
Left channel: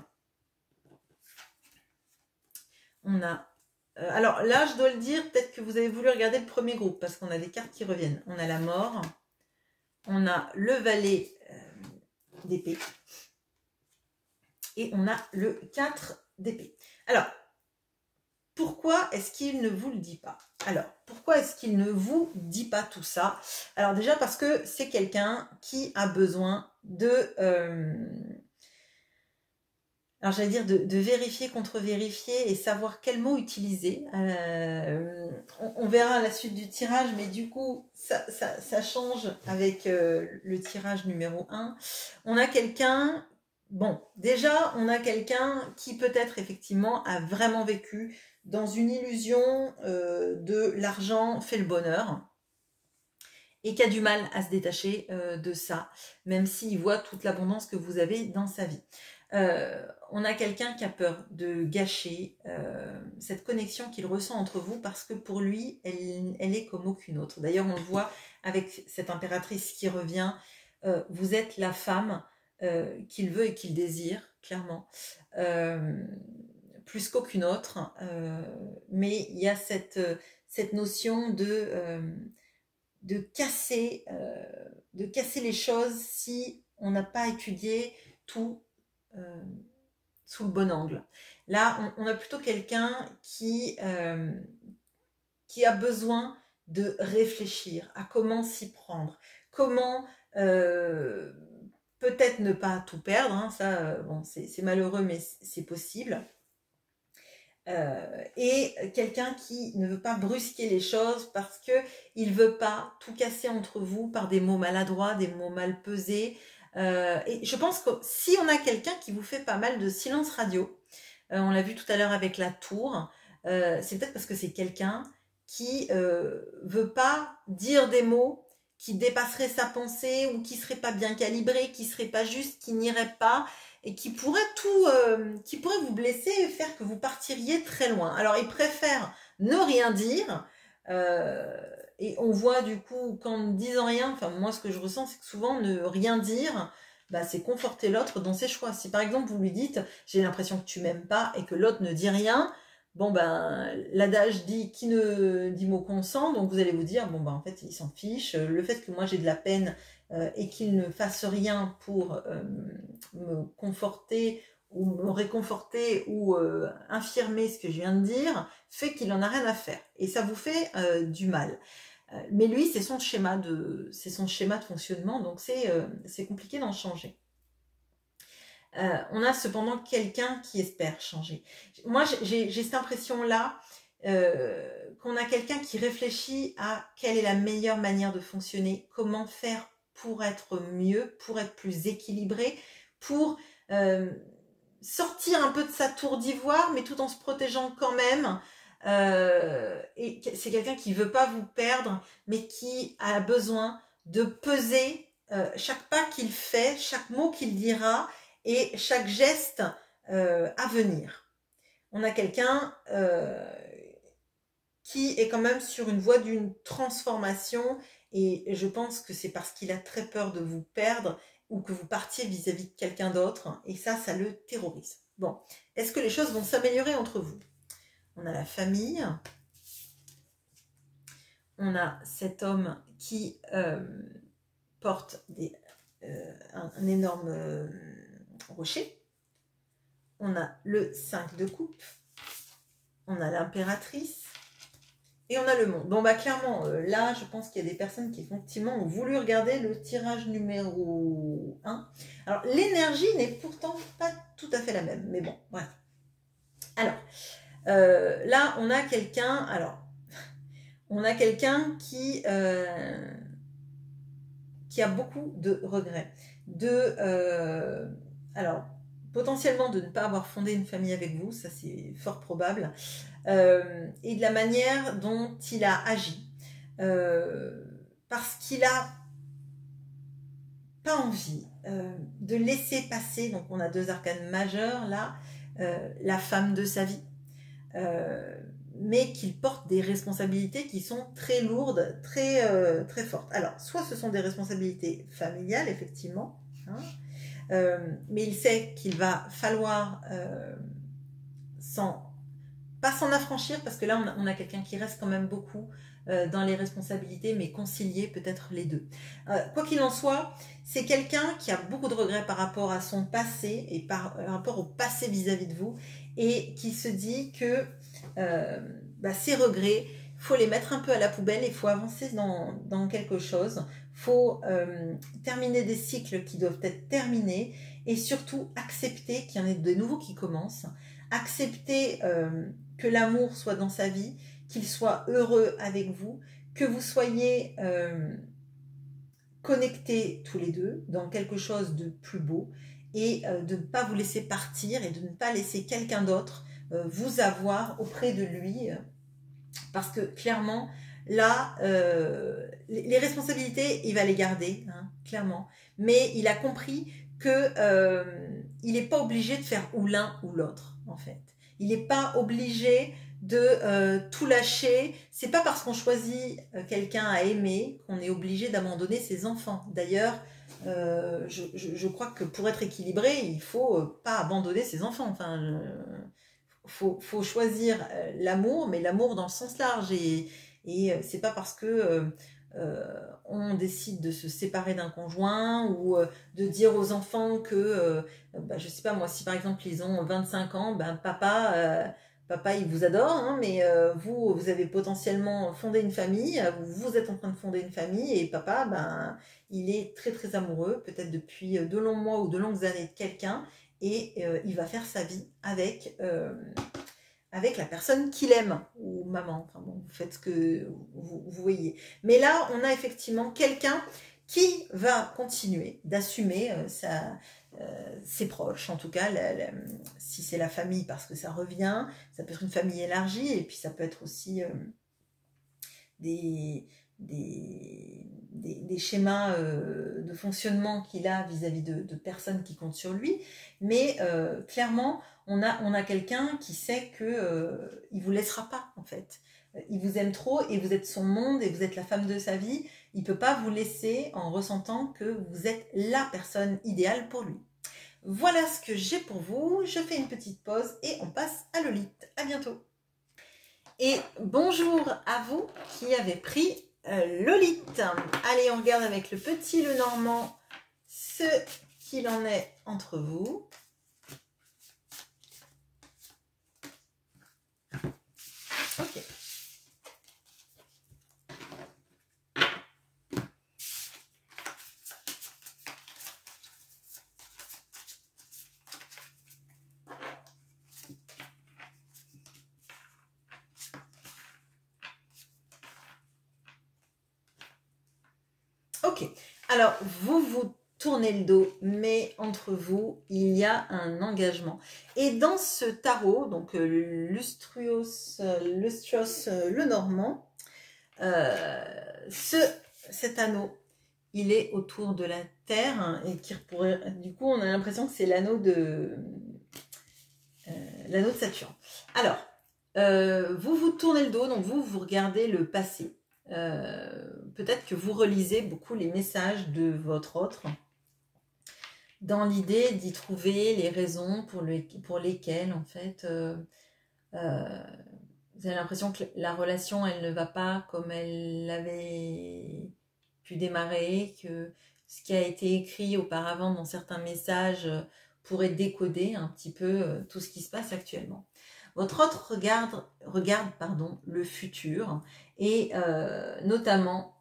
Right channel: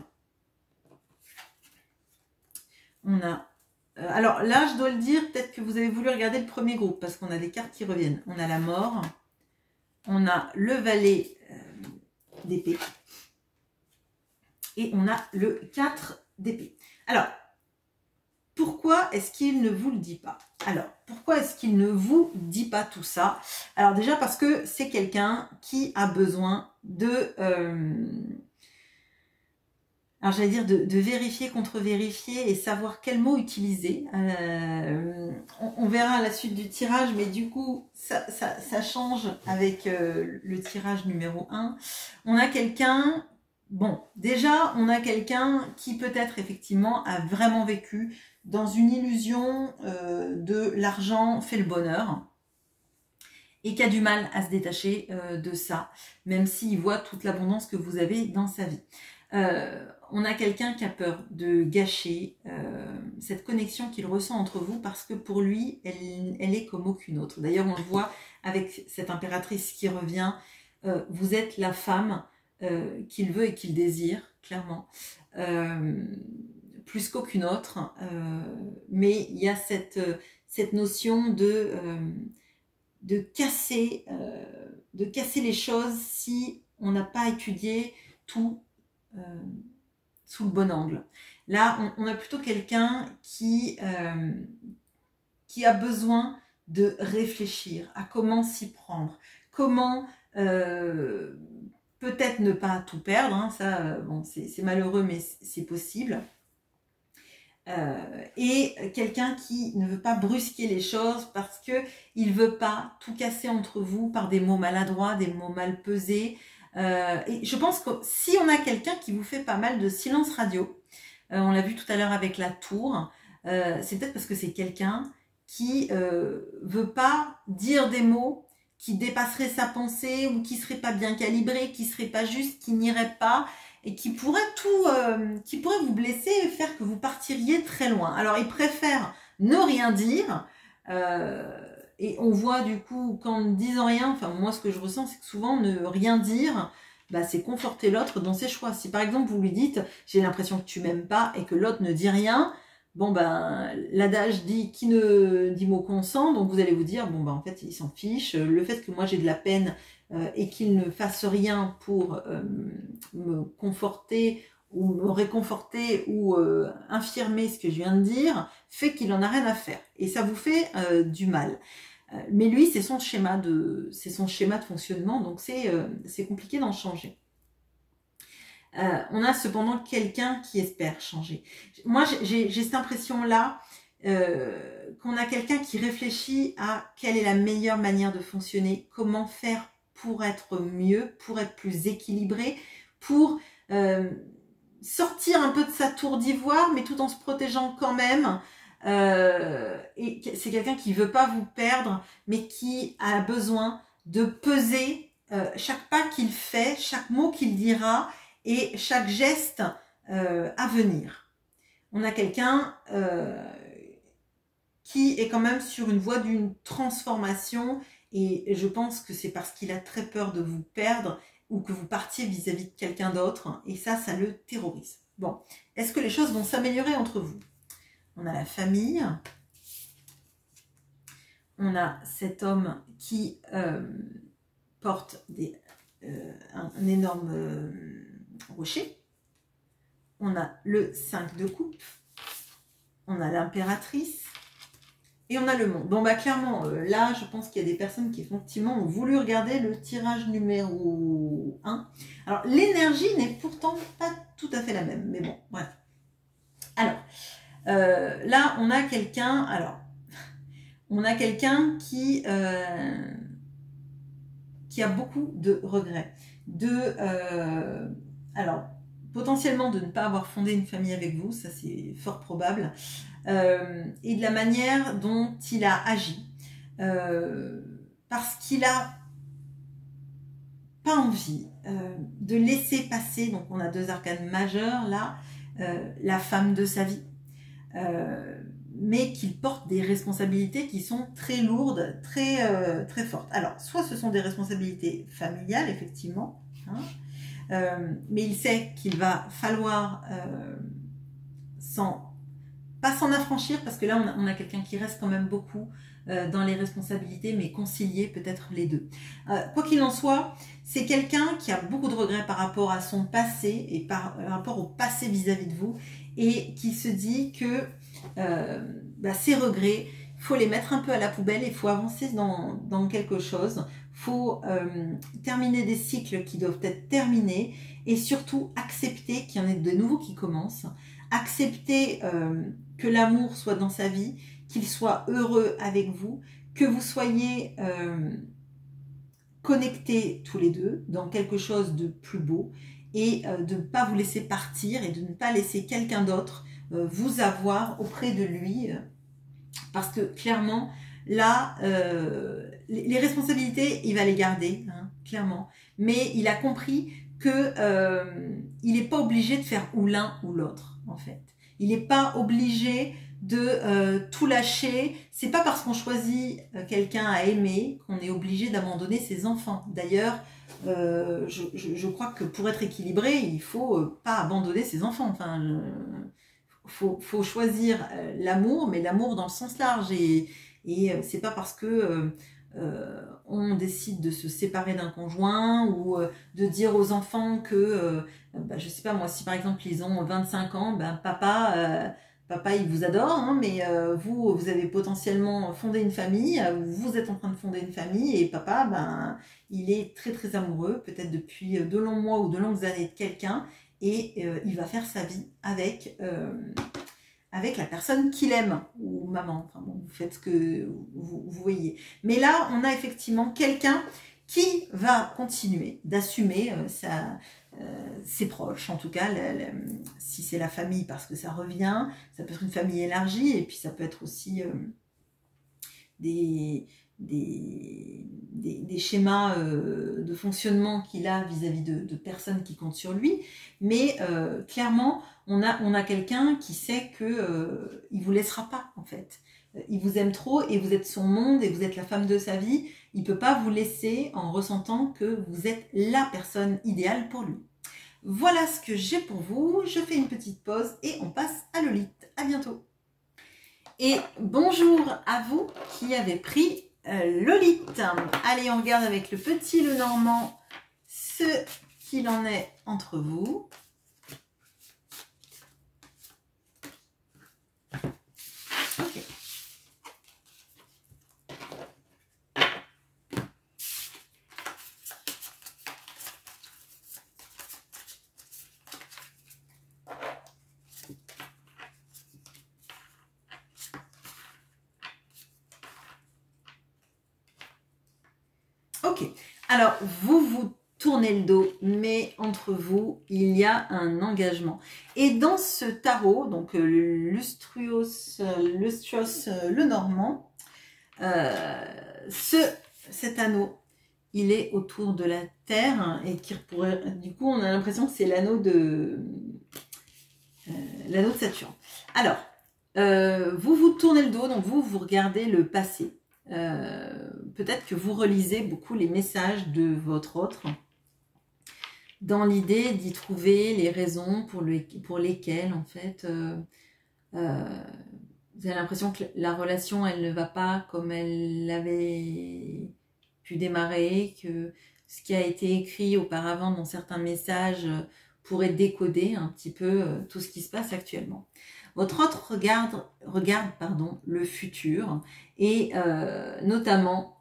On a... alors là, je dois le dire, peut-être que vous avez voulu regarder le premier groupe, parce qu'on a des cartes qui reviennent. On a la mort, on a le valet d'épée. Et on a le 4 d'épée. Alors, pourquoi est-ce qu'il ne vous le dit pas? Alors, pourquoi est-ce qu'il ne vous dit pas tout ça? Alors déjà parce que c'est quelqu'un qui a besoin de... alors j'allais dire de vérifier, contre-vérifier et savoir quel mot utiliser. On verra à la suite du tirage, mais du coup, ça change avec le tirage numéro 1. On a quelqu'un... Bon, déjà, on a quelqu'un qui peut-être effectivement a vraiment vécu dans une illusion de l'argent fait le bonheur et qui a du mal à se détacher de ça, même s'il voit toute l'abondance que vous avez dans sa vie. On a quelqu'un qui a peur de gâcher cette connexion qu'il ressent entre vous parce que pour lui, elle est comme aucune autre. D'ailleurs, on le voit avec cette impératrice qui revient. Vous êtes la femme qu'il veut et qu'il désire, clairement, plus qu'aucune autre. Mais il y a cette notion de casser les choses si on n'a pas étudié tout sous le bon angle. Là, on a plutôt quelqu'un qui a besoin de réfléchir à comment s'y prendre, comment peut-être ne pas tout perdre, hein, ça, bon, c'est malheureux, mais c'est possible. Et quelqu'un qui ne veut pas brusquer les choses parce qu'il ne veut pas tout casser entre vous par des mots maladroits, des mots mal pesés. Et je pense que si on a quelqu'un qui vous fait pas mal de silence radio, on l'a vu tout à l'heure avec la tour, c'est peut-être parce que c'est quelqu'un qui veut pas dire des mots qui dépasseraient sa pensée ou qui seraient pas bien calibrés, qui seraient pas justes, qui n'iraient pas et qui pourrait qui pourrait vous blesser et faire que vous partiriez très loin. Alors, il préfère ne rien dire, et on voit du coup qu'en ne disant rien, enfin moi ce que je ressens, c'est que souvent ne rien dire, bah, c'est conforter l'autre dans ses choix. Si par exemple vous lui dites « j'ai l'impression que tu m'aimes pas » et que l'autre ne dit rien, bon ben l'adage dit « qui ne dit mot consent », donc vous allez vous dire « bon ben en fait il s'en fiche, le fait que moi j'ai de la peine et qu'il ne fasse rien pour me conforter ou me réconforter ou infirmer ce que je viens de dire, fait qu'il en a rien à faire. Et ça vous fait du mal. Mais lui, c'est son schéma de fonctionnement, donc c'est compliqué d'en changer. On a cependant quelqu'un qui espère changer. Moi, j'ai cette impression-là qu'on a quelqu'un qui réfléchit à quelle est la meilleure manière de fonctionner, comment faire pour être mieux, pour être plus équilibré, pour sortir un peu de sa tour d'ivoire, mais tout en se protégeant quand même. Et c'est quelqu'un qui veut pas vous perdre, mais qui a besoin de peser chaque pas qu'il fait, chaque mot qu'il dira et chaque geste à venir. On a quelqu'un qui est quand même sur une voie d'une transformation et je pense que c'est parce qu'il a très peur de vous perdre ou que vous partiez vis-à-vis de quelqu'un d'autre et ça le terrorise. Bon, est-ce que les choses vont s'améliorer entre vous? On a la famille, on a cet homme qui porte un énorme rocher, on a le 5 de coupe, on a l'impératrice, et on a le monde. Bon, bah clairement, là, je pense qu'il y a des personnes qui, effectivement, ont voulu regarder le tirage numéro 1. Alors, l'énergie n'est pourtant pas tout à fait la même. Mais bon, bref. Alors, là, on a quelqu'un... Alors, on a quelqu'un qui a beaucoup de regrets. Alors, potentiellement de ne pas avoir fondé une famille avec vous, ça c'est fort probable. Et de la manière dont il a agi. Parce qu'il a pas envie de laisser passer, donc on a 2 arcanes majeures là, la femme de sa vie, mais qu'il porte des responsabilités qui sont très lourdes, très fortes. Alors, soit ce sont des responsabilités familiales, effectivement, hein, mais il sait qu'il va falloir pas s'en affranchir, parce que là, on a quelqu'un qui reste quand même beaucoup dans les responsabilités, mais concilier peut-être les deux. Quoi qu'il en soit, c'est quelqu'un qui a beaucoup de regrets par rapport à son passé et par rapport au passé vis-à-vis de vous, et qui se dit que ces regrets, il faut les mettre un peu à la poubelle, il faut avancer dans quelque chose, il faut terminer des cycles qui doivent être terminés, et surtout accepter qu'il y en ait de nouveaux qui commencent, accepter que l'amour soit dans sa vie, qu'il soit heureux avec vous, que vous soyez connectés tous les deux dans quelque chose de plus beau et de ne pas vous laisser partir et de ne pas laisser quelqu'un d'autre vous avoir auprès de lui parce que clairement là les responsabilités il va les garder hein, clairement, mais il a compris que il n'est pas obligé de faire ou l'un ou l'autre en fait. Il n'est pas obligé de tout lâcher. C'est pas parce qu'on choisit quelqu'un à aimer qu'on est obligé d'abandonner ses enfants. D'ailleurs, je crois que pour être équilibré, il faut pas abandonner ses enfants. Enfin, faut choisir l'amour, mais l'amour dans le sens large. Et c'est pas parce que on décide de se séparer d'un conjoint ou de dire aux enfants que, je sais pas moi, si par exemple ils ont 25 ans, papa il vous adore, hein, mais vous avez potentiellement fondé une famille, vous êtes en train de fonder une famille et papa, il est très très amoureux, peut-être depuis de longs mois ou de longues années de quelqu'un et il va faire sa vie avec la personne qu'il aime, ou maman, enfin bon, vous faites ce que vous voyez. Mais là, on a effectivement quelqu'un qui va continuer d'assumer ses proches, en tout cas, si c'est la famille, parce que ça revient, ça peut être une famille élargie, et puis ça peut être aussi des schémas de fonctionnement qu'il a vis-à-vis de personnes qui comptent sur lui, mais clairement, on a quelqu'un qui sait que il vous laissera pas en fait. Il vous aime trop et vous êtes son monde et vous êtes la femme de sa vie. Il peut pas vous laisser en ressentant que vous êtes la personne idéale pour lui. Voilà ce que j'ai pour vous. Je fais une petite pause et on passe à Lolite. À bientôt. Et bonjour à vous qui avez pris Lolite. Allez, on regarde avec le petit Lenormand ce qu'il en est entre vous. Ok. Ok, alors vous vous tournez le dos, mais entre vous, il y a un engagement. Et dans ce tarot, donc Lustrios Lenormand, cet anneau, il est autour de la Terre, hein, et qui pourrait, du coup, on a l'impression que c'est l'anneau de Saturne. Alors, vous vous tournez le dos, donc vous regardez le passé. Peut-être que vous relisez beaucoup les messages de votre autre, dans l'idée d'y trouver les raisons pour lesquelles, en fait, vous avez l'impression que la relation, elle ne va pas comme elle avait pu démarrer, que ce qui a été écrit auparavant dans certains messages pourrait décoder un petit peu tout ce qui se passe actuellement. Votre autre regarde le futur et notamment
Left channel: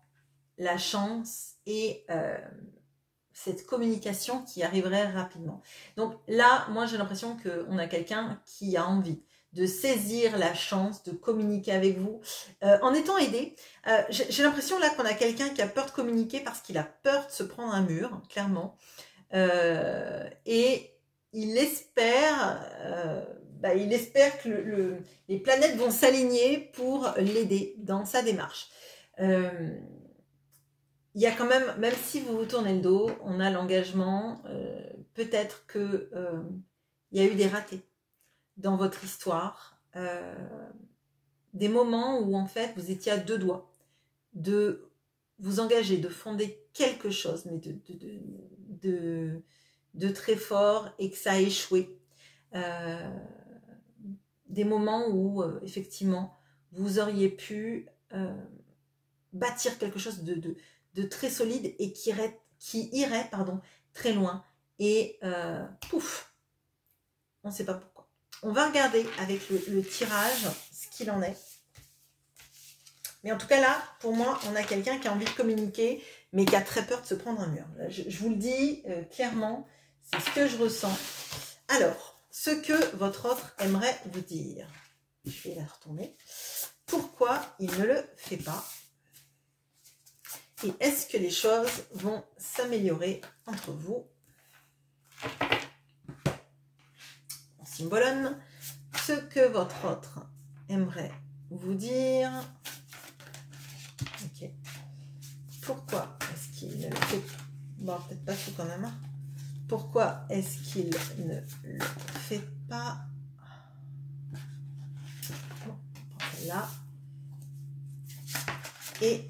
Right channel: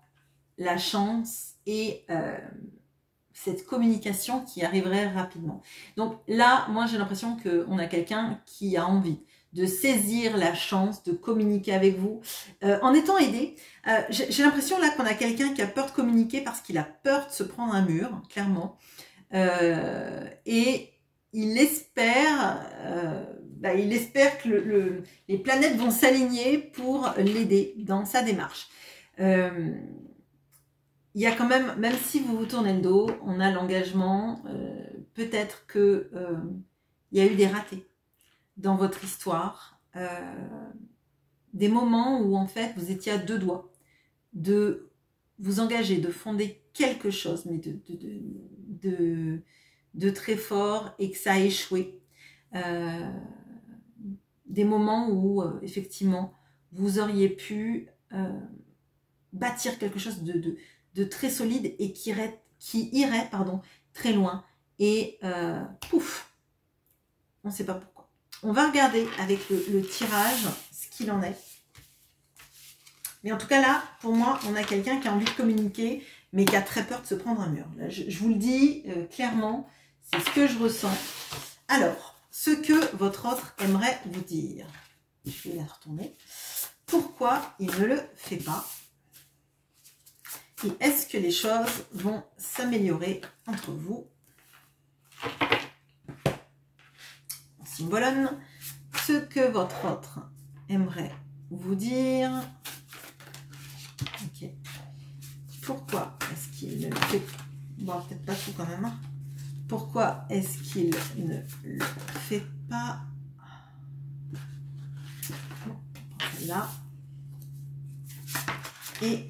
la chance et cette communication qui arriverait rapidement. Donc là, moi j'ai l'impression qu'on a quelqu'un qui a envie de saisir la chance de communiquer avec vous en étant aidé. J'ai l'impression là qu'on a quelqu'un qui a peur de communiquer parce qu'il a peur de se prendre un mur, clairement. Et il espère que les planètes vont s'aligner pour l'aider dans sa démarche. Il y a quand même si vous vous tournez le dos, on a l'engagement, peut-être que il y a eu des ratés dans votre histoire, des moments où en fait vous étiez à deux doigts de vous engager, de fonder quelque chose, mais de très fort et que ça a échoué. Des moments où effectivement vous auriez pu bâtir quelque chose de très solide et qui irait très loin et pouf, on ne sait pas pourquoi. On va regarder avec le tirage ce qu'il en est. Mais en tout cas là, pour moi, on a quelqu'un qui a envie de communiquer, mais qui a très peur de se prendre un mur. Là, je vous le dis clairement, c'est ce que je ressens. Alors, ce que votre autre aimerait vous dire. Je vais la retourner. Pourquoi il ne le fait pas? Et est-ce que les choses vont s'améliorer entre vous? On symbolonne ce que votre autre aimerait vous dire. Ok. Pourquoi est-ce qu'il ne le fait pas? Bon, peut-être pas tout quand même. Hein. Pourquoi est-ce qu'il ne le fait pas? Là. Et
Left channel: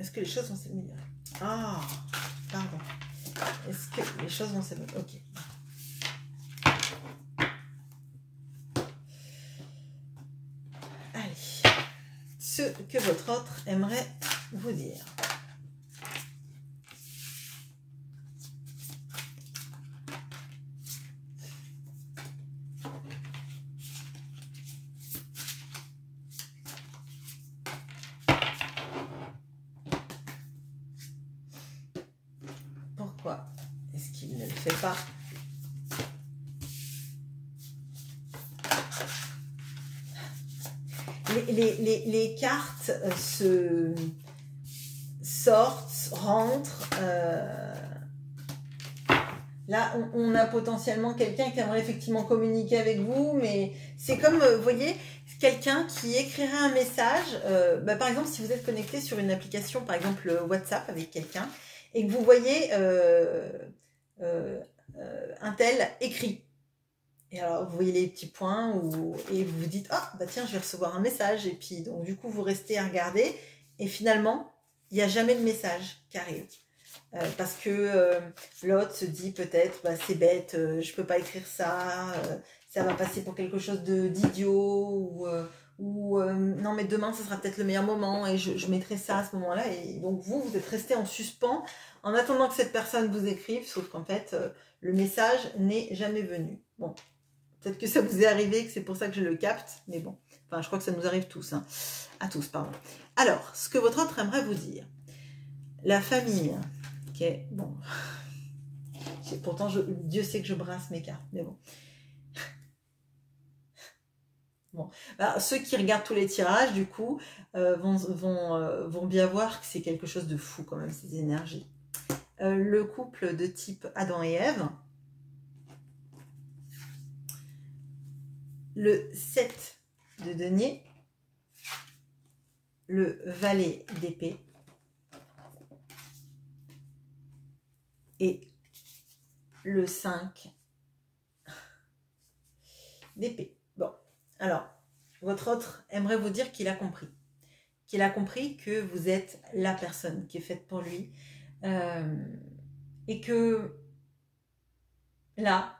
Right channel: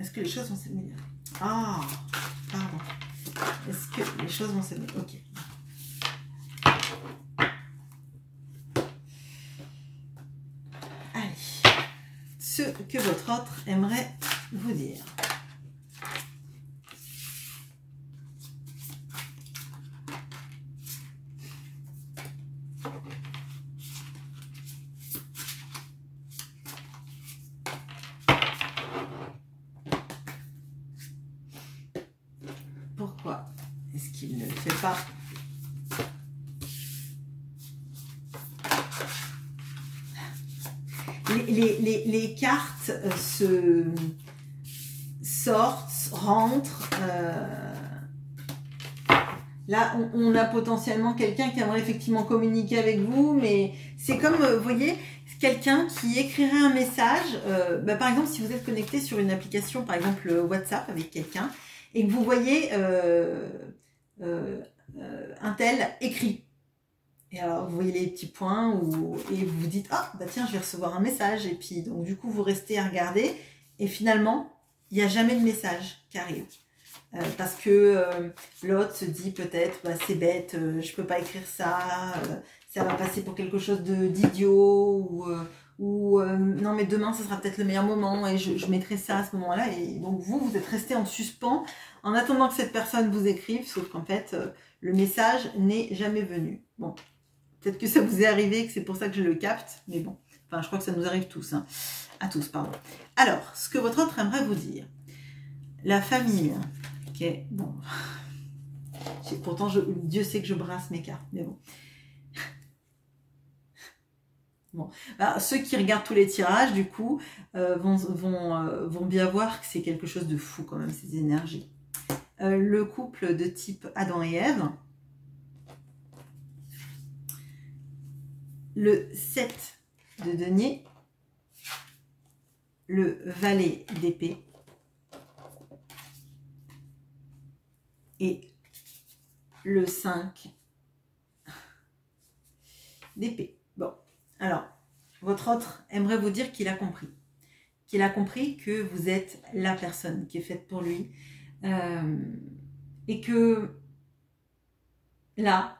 est-ce que les choses vont s'améliorer? Ah, pardon. Est-ce que les choses vont s'améliorer? Ok. Allez. Ce que votre autre aimerait vous dire. Pourquoi est-ce qu'il ne le fait pas? Les cartes sortent, rentrent. Là, on a potentiellement quelqu'un qui aimerait effectivement communiquer avec vous, mais c'est comme, vous voyez, quelqu'un qui écrirait un message. Par exemple, si vous êtes connecté sur une application, par exemple WhatsApp avec quelqu'un, et que vous voyez un tel écrit. Et alors, vous voyez les petits points et vous vous dites « Ah, bah tiens, je vais recevoir un message. » Et puis, donc, du coup, vous restez à regarder. Et finalement, il n'y a jamais de message qui arrive. Parce que l'autre se dit peut-être bah, « C'est bête, je ne peux pas écrire ça. Ça va passer pour quelque chose d'idiot. » Ou non, mais demain, ce sera peut-être le meilleur moment. Et je mettrai ça à ce moment-là. Et donc, vous êtes resté en suspens en attendant que cette personne vous écrive. Sauf qu'en fait, le message n'est jamais venu. Bon. Peut-être que ça vous est arrivé, que c'est pour ça que je le capte, mais bon, enfin, je crois que ça nous arrive tous, hein. À tous, pardon. Alors, ce que votre autre aimerait vous dire. La famille, ok, bon. Pourtant, Dieu sait que je brasse mes cartes, mais bon. Bon, bah, ceux qui regardent tous les tirages, du coup, vont bien voir que c'est quelque chose de fou quand même, ces énergies. Le couple de type Adam et Ève, le 7 de denier, le valet d'épée et le 5 d'épée. Bon, alors, votre autre aimerait vous dire qu'il a compris. Qu'il a compris que vous êtes la personne qui est faite pour lui. Et que là,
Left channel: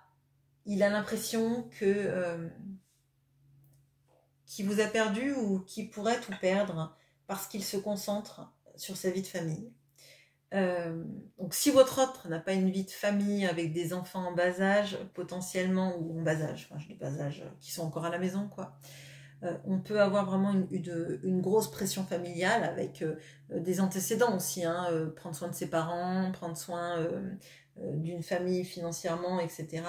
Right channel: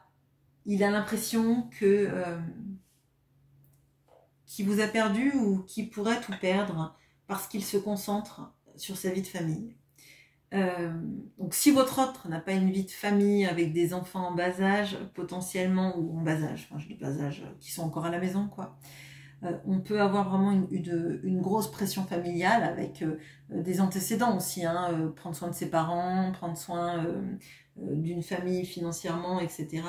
il a l'impression que qu'il vous a perdu ou qu'il pourrait tout perdre parce qu'il se concentre sur sa vie de famille. Donc si votre autre n'a pas une vie de famille avec des enfants en bas âge, potentiellement, ou en bas âge, enfin je dis bas âge, qui sont encore à la maison, quoi, on peut avoir vraiment une grosse pression familiale avec des antécédents aussi, hein, prendre soin de ses parents, prendre soin d'une famille financièrement, etc.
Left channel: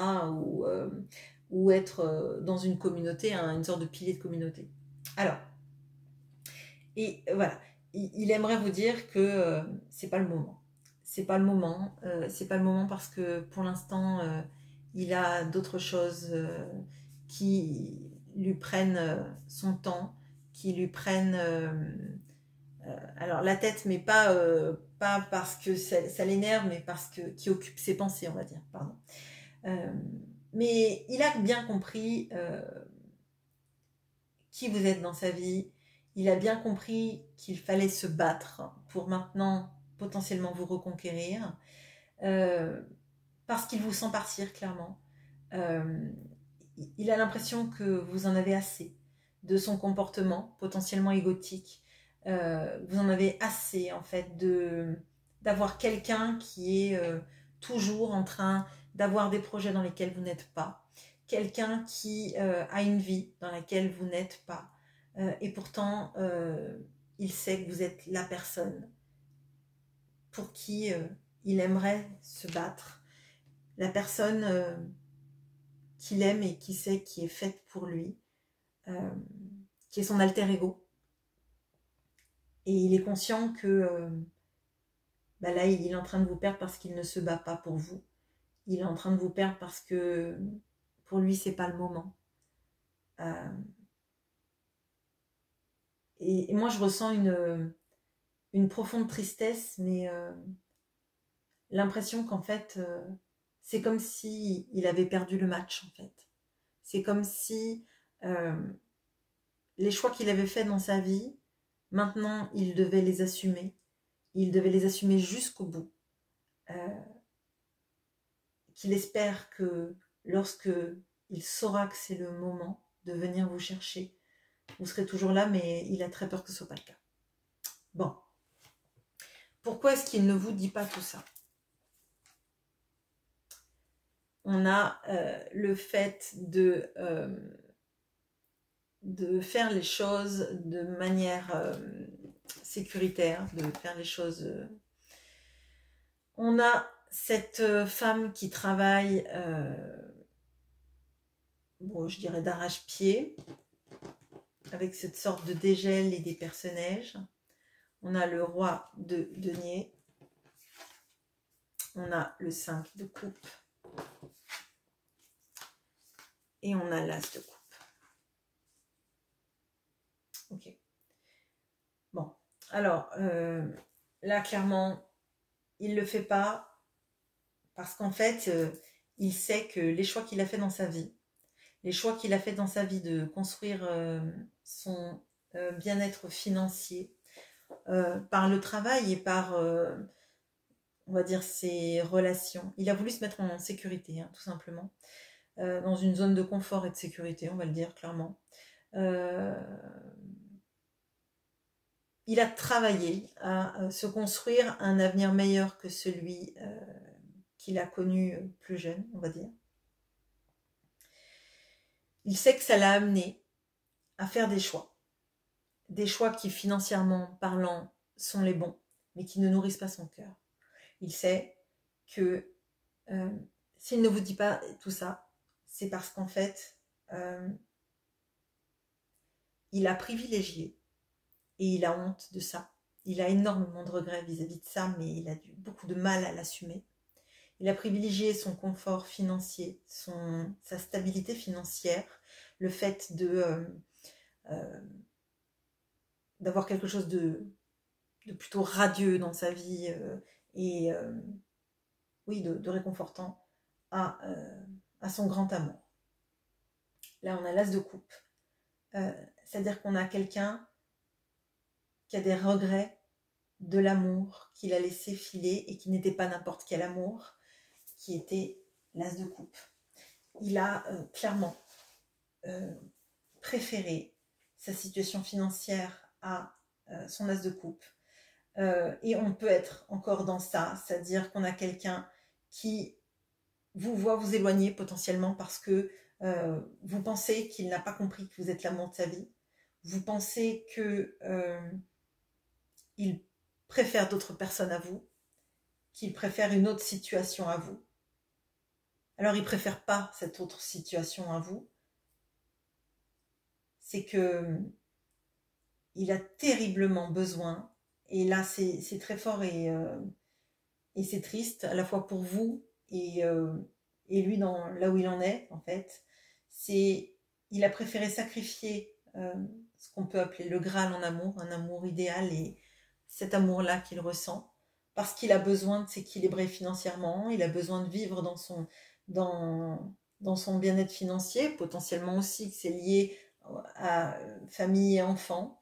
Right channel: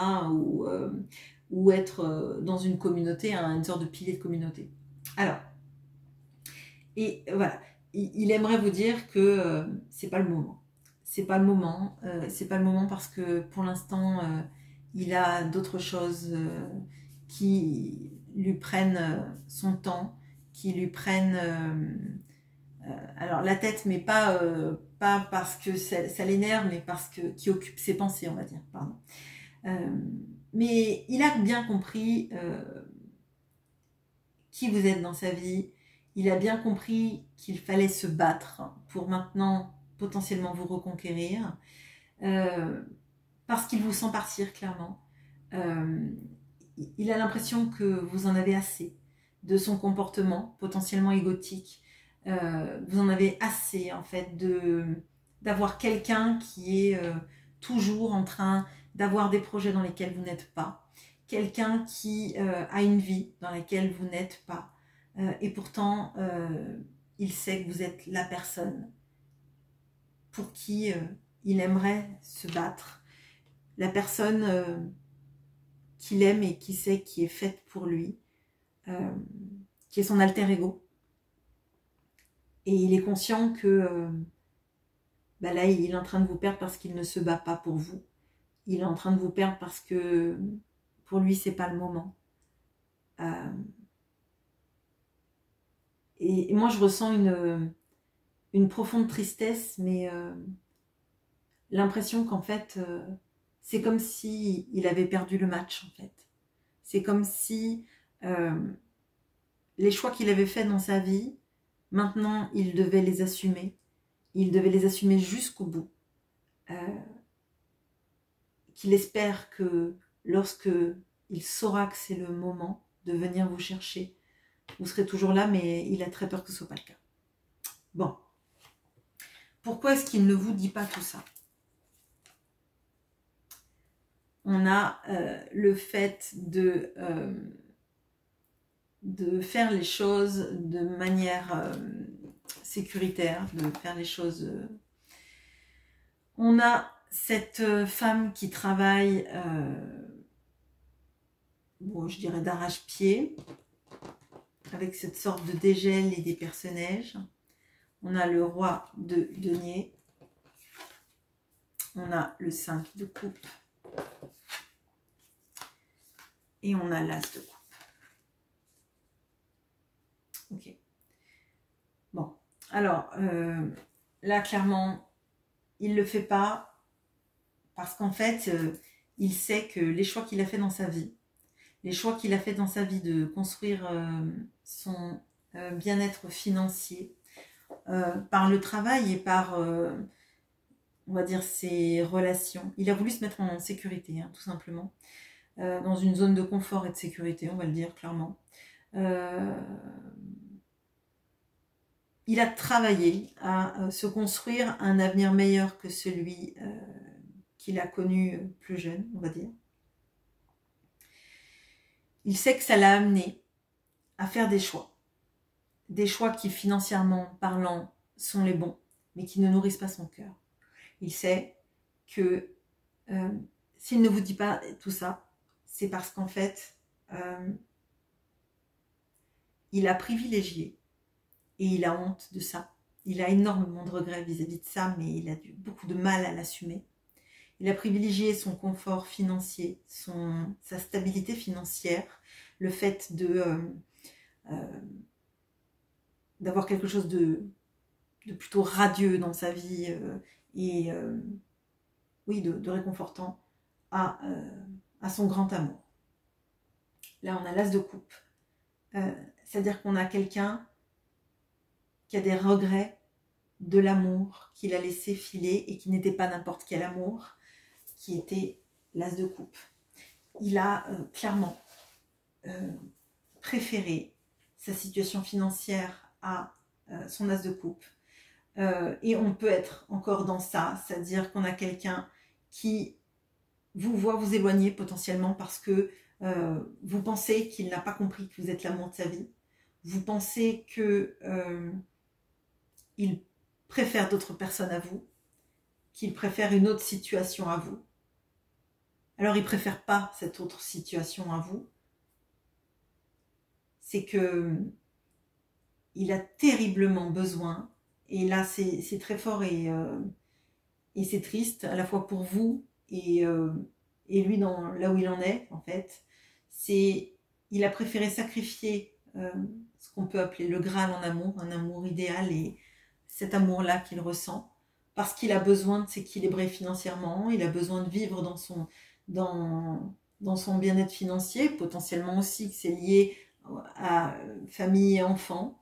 Ou être dans une communauté, une sorte de pilier de communauté. Alors, et voilà, il aimerait vous dire que c'est pas le moment. C'est pas le moment. C'est pas le moment parce que pour l'instant, il a d'autres choses qui lui prennent son temps, qui lui prennent alors la tête, mais pas parce que ça l'énerve, mais parce que qui occupe ses pensées, on va dire. Pardon. Mais il a bien compris qui vous êtes dans sa vie. Il a bien compris qu'il fallait se battre pour maintenant potentiellement vous reconquérir. Parce qu'il vous sent partir, clairement. Il a l'impression que vous en avez assez de son comportement potentiellement égotique. Vous en avez assez, en fait, d'avoir quelqu'un qui est toujours en train d'avoir des projets dans lesquels vous n'êtes pas. Quelqu'un qui a une vie dans laquelle vous n'êtes pas. Et pourtant, il sait que vous êtes la personne pour qui il aimerait se battre. La personne qu'il aime et qui sait qui est faite pour lui, qui est son alter ego. Et il est conscient que là, il est en train de vous perdre parce qu'il ne se bat pas pour vous. Il est en train de vous perdre parce que pour lui, c'est pas le moment. Et moi, je ressens une profonde tristesse, mais l'impression qu'en fait, c'est comme si il avait perdu le match, en fait. C'est comme si les choix qu'il avait faits dans sa vie, maintenant, il devait les assumer. Il devait les assumer jusqu'au bout. Qu'il espère que lorsque il saura que c'est le moment de venir vous chercher, vous serez toujours là, mais il a très peur que ce ne soit pas le cas. Bon. Pourquoi est-ce qu'il ne vous dit pas tout ça? On a le fait de faire les choses de manière sécuritaire, de faire les choses... On a cette femme qui travaille, bon, je dirais d'arrache-pied, avec cette sorte de dégel et des personnages. On a le roi de denier. On a le 5 de coupe. Et on a l'as de coupe. Ok. Bon. Alors, là, clairement, il ne le fait pas parce qu'en fait, il sait que les choix qu'il a fait dans sa vie, de construire son bien-être financier par le travail et par, on va dire, ses relations. Il a voulu se mettre en sécurité, hein, tout simplement, dans une zone de confort et de sécurité, on va le dire clairement. Il a travaillé à se construire un avenir meilleur que celui qu'il a connu plus jeune, on va dire. Il sait que ça l'a amené à faire des choix qui financièrement parlant sont les bons, mais qui ne nourrissent pas son cœur. Il sait que s'il ne vous dit pas tout ça, c'est parce qu'en fait, il a privilégié et il a honte de ça. Il a énormément de regrets vis-à-vis de ça, mais il a beaucoup de mal à l'assumer. Il a privilégié son confort financier, sa stabilité financière, le fait d'avoir quelque chose de plutôt radieux dans sa vie et oui, de réconfortant à son grand amour. Là, on a l'as de coupe. C'est-à-dire qu'on a quelqu'un qui a des regrets de l'amour qu'il a laissé filer et qui n'était pas n'importe quel amour, qui était l'as de coupe. Il a clairement préféré sa situation financière à son as de coupe. Et on peut être encore dans ça, c'est-à-dire qu'on a quelqu'un qui vous voit vous éloigner potentiellement parce que vous pensez qu'il n'a pas compris que vous êtes l'amour de sa vie. Vous pensez que il préfère d'autres personnes à vous, qu'il préfère une autre situation à vous. Alors il ne préfère pas cette autre situation à vous. C'est que il a terriblement besoin, et là c'est très fort et c'est triste à la fois pour vous et lui là où il en est en fait. Il a préféré sacrifier ce qu'on peut appeler le Graal en amour, un amour idéal, et cet amour-là qu'il ressent, parce qu'il a besoin de s'équilibrer financièrement, il a besoin de vivre dans son bien-être financier, potentiellement aussi que c'est lié à famille et enfants,